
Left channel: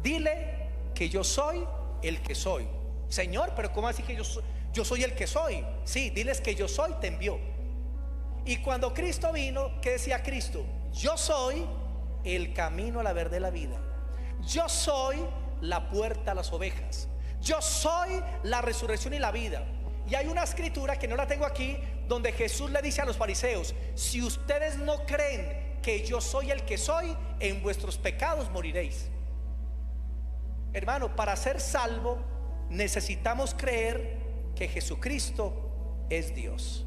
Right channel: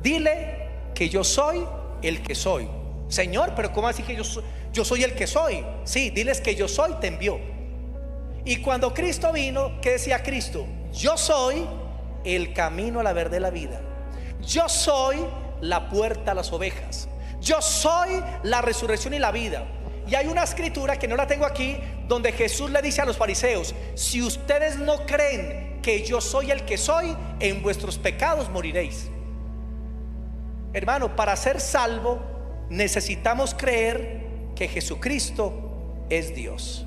Dile que yo soy el que soy. Señor, pero ¿cómo así que yo soy el que soy? Sí, diles que yo soy, te envió. Y cuando Cristo vino, ¿qué decía Cristo? Yo soy el camino, la verdad y la vida. Yo soy la puerta a las ovejas. Yo soy la resurrección y la vida. Y hay una escritura que no la tengo aquí, donde Jesús le dice a los fariseos: si ustedes no creen que yo soy el que soy, en vuestros pecados moriréis. Hermano, para ser salvo necesitamos creer que Jesucristo es Dios.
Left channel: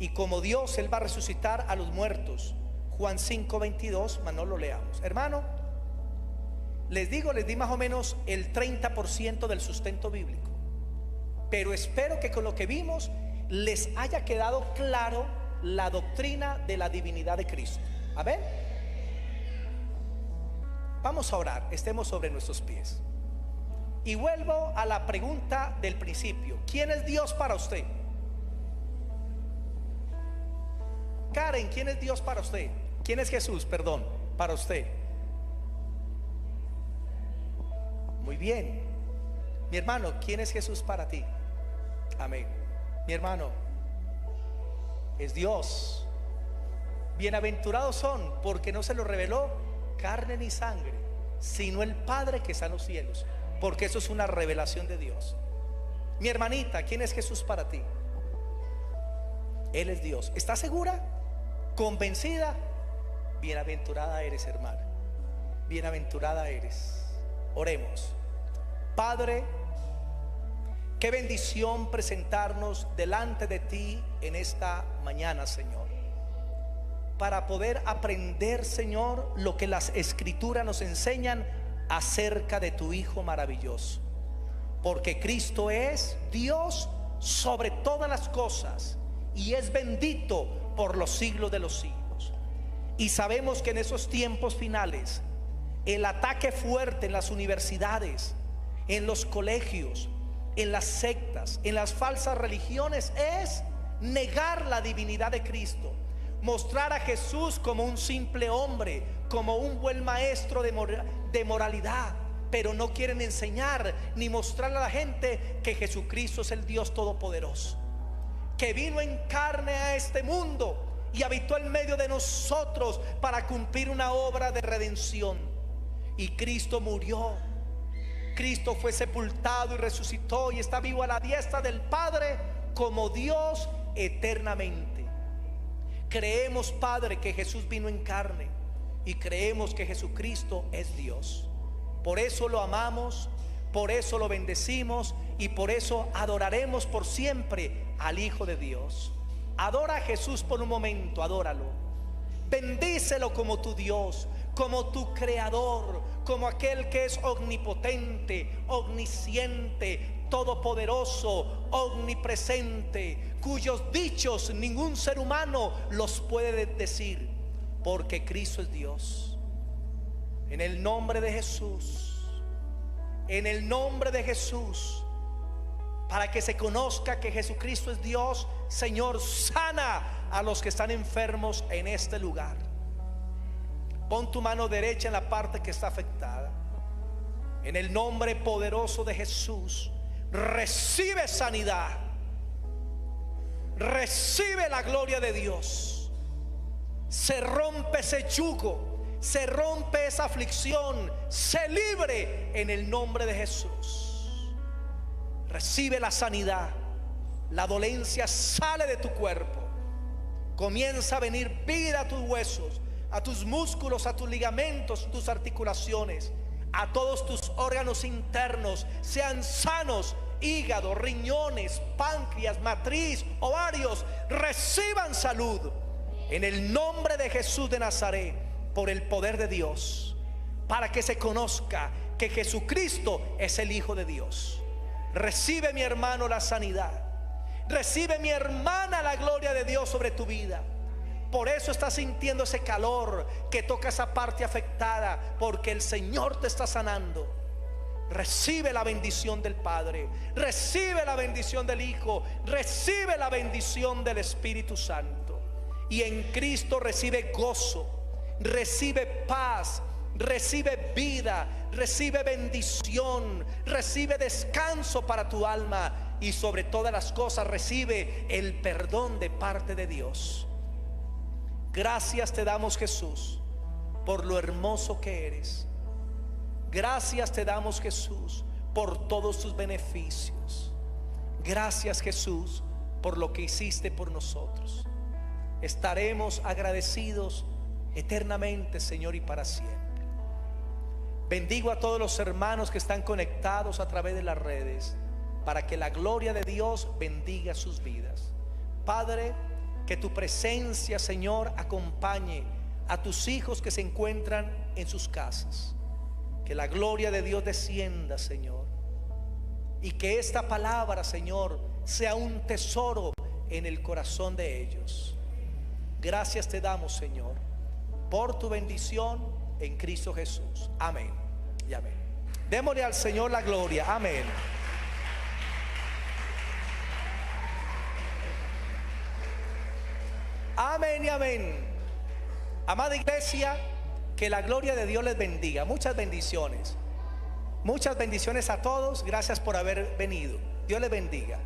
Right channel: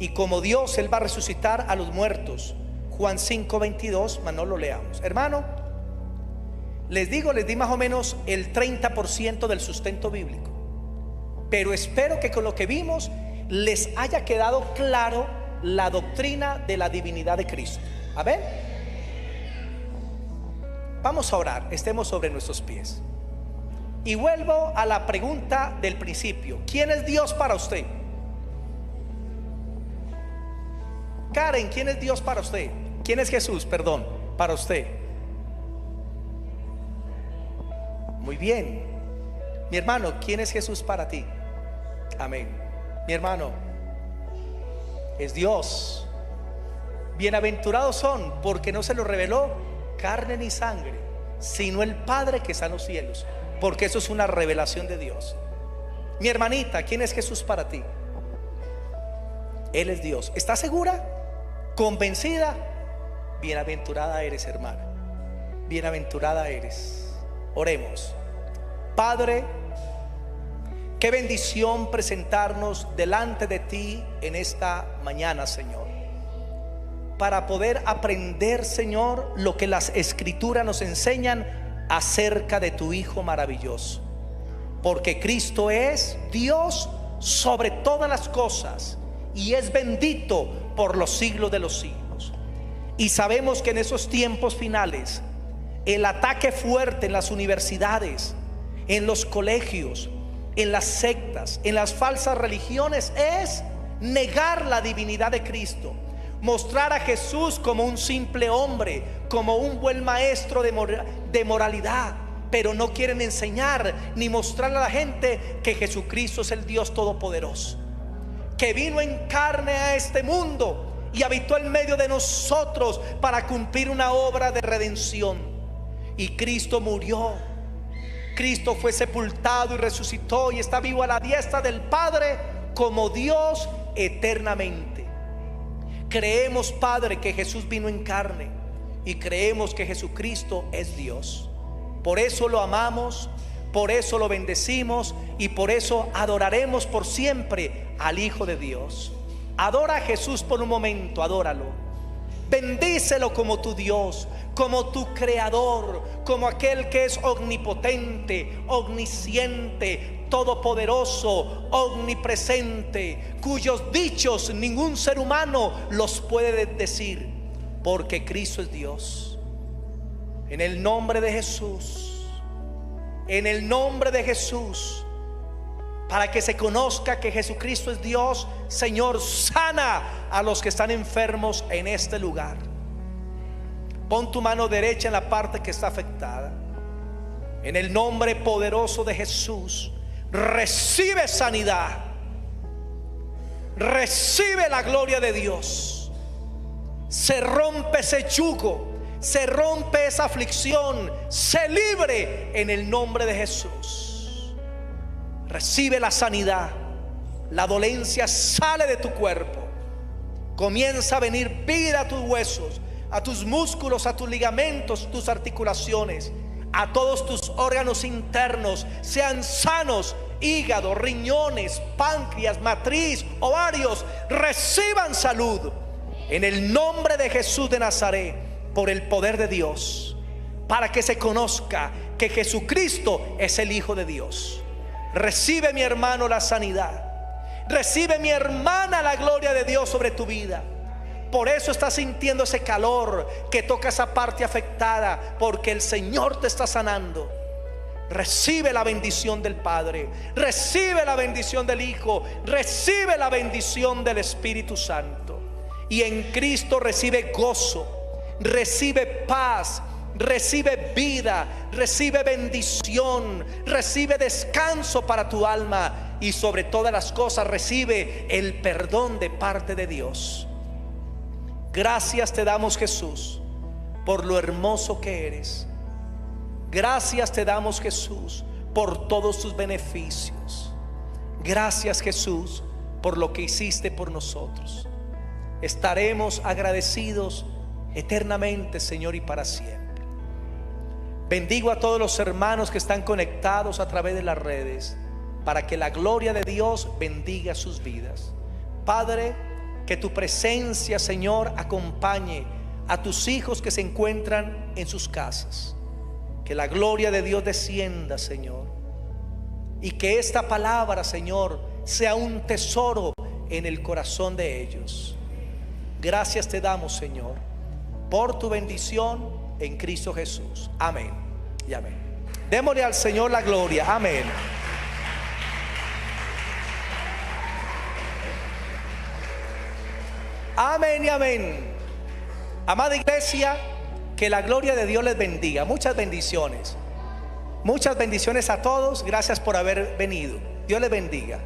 Y como Dios, Él va a resucitar a los muertos. Juan 5:22, mas no lo leamos. Hermano, les di más o menos el 30% del sustento bíblico. Pero espero que con lo que vimos les haya quedado claro la doctrina de la divinidad de Cristo. Amén. Vamos a orar, estemos sobre nuestros pies. Y vuelvo a la pregunta del principio: ¿quién es Dios para usted? Karen, ¿quién es Dios para usted? ¿Quién es Jesús, perdón, para usted? Muy bien. Mi hermano, ¿quién es Jesús para ti? Amén. Mi hermano, es Dios. Bienaventurados son, porque no se lo reveló carne ni sangre, sino el Padre que está en los cielos, porque eso es una revelación de Dios. Mi hermanita, ¿quién es Jesús para ti? Él es Dios. ¿Estás segura? ¿Convencida? Bienaventurada eres, hermana. Bienaventurada eres. Oremos. Padre, qué bendición presentarnos delante de ti en esta mañana, Señor. para poder aprender, Señor, lo que las Escrituras nos enseñan acerca de tu Hijo maravilloso. Porque Cristo es Dios sobre todas las cosas y es bendito por los siglos de los siglos. Y sabemos que en esos tiempos finales el ataque fuerte en las universidades, en los colegios, en las sectas, en las falsas religiones es negar la divinidad de Cristo, mostrar a Jesús como un simple hombre, como un buen maestro de moralidad, pero no quieren enseñar ni mostrar a la gente que Jesucristo es el Dios todopoderoso, que vino en carne a este mundo y habitó en medio de nosotros para cumplir una obra de redención. Y Cristo murió, Cristo fue sepultado y resucitó y está vivo a la diestra del Padre como Dios eternamente. Creemos, Padre, que Jesús vino en carne y creemos que Jesucristo es Dios. Por eso lo amamos, por eso lo bendecimos y por eso adoraremos por siempre al Hijo de Dios. Adora a Jesús por un momento, adóralo. Bendícelo como tu Dios, como tu creador, como aquel que es omnipotente, omnisciente, todopoderoso, omnipresente, cuyos dichos ningún ser humano los puede decir, porque Cristo es Dios. En el nombre de Jesús, en el nombre de Jesús, para que se conozca que Jesucristo es Dios, Señor, sana a los que están enfermos en este lugar. Pon tu mano derecha en la parte que está afectada. En el nombre poderoso de Jesús, recibe sanidad, recibe la gloria de Dios. Se rompe ese yugo, se rompe esa aflicción, se libre en el nombre de Jesús. Recibe la sanidad, la dolencia sale de tu cuerpo, comienza a venir vida a tus huesos, a tus músculos, a tus ligamentos, tus articulaciones, a todos tus órganos internos, sean sanos, hígado, riñones, páncreas, matriz, ovarios, reciban salud en el nombre de Jesús de Nazaret, por el poder de Dios, para que se conozca que Jesucristo es el Hijo de Dios. Recibe, mi hermano, la sanidad. Recibe, mi hermana, la gloria de Dios sobre tu vida. Por eso estás sintiendo ese calor que toca esa parte afectada, porque el Señor te está sanando. Recibe la bendición del Padre, recibe la bendición del Hijo, recibe la bendición del Espíritu Santo. Y en Cristo recibe gozo, recibe paz, recibe vida, recibe bendición, recibe descanso para tu alma y sobre todas las cosas recibe el perdón de parte de Dios. Gracias te damos, Jesús, por lo hermoso que eres. Gracias te damos, Jesús, por todos tus beneficios. Gracias, Jesús, por lo que hiciste por nosotros. Estaremos agradecidos eternamente, Señor, y para siempre. Bendigo a todos los hermanos que están conectados a través de las redes, para que la gloria de Dios bendiga sus vidas. Padre, que tu presencia, Señor, acompañe a tus hijos que se encuentran en sus casas. Que la gloria de Dios descienda, Señor, y que esta palabra, Señor, sea un tesoro en el corazón de ellos. Gracias te damos, Señor, por tu bendición en Cristo Jesús. Amén y amén. Démosle al Señor la gloria. Amén. Amén y amén. Amada iglesia, que la gloria de Dios les bendiga. Muchas bendiciones. Muchas bendiciones a todos. Gracias por haber venido. Dios les bendiga.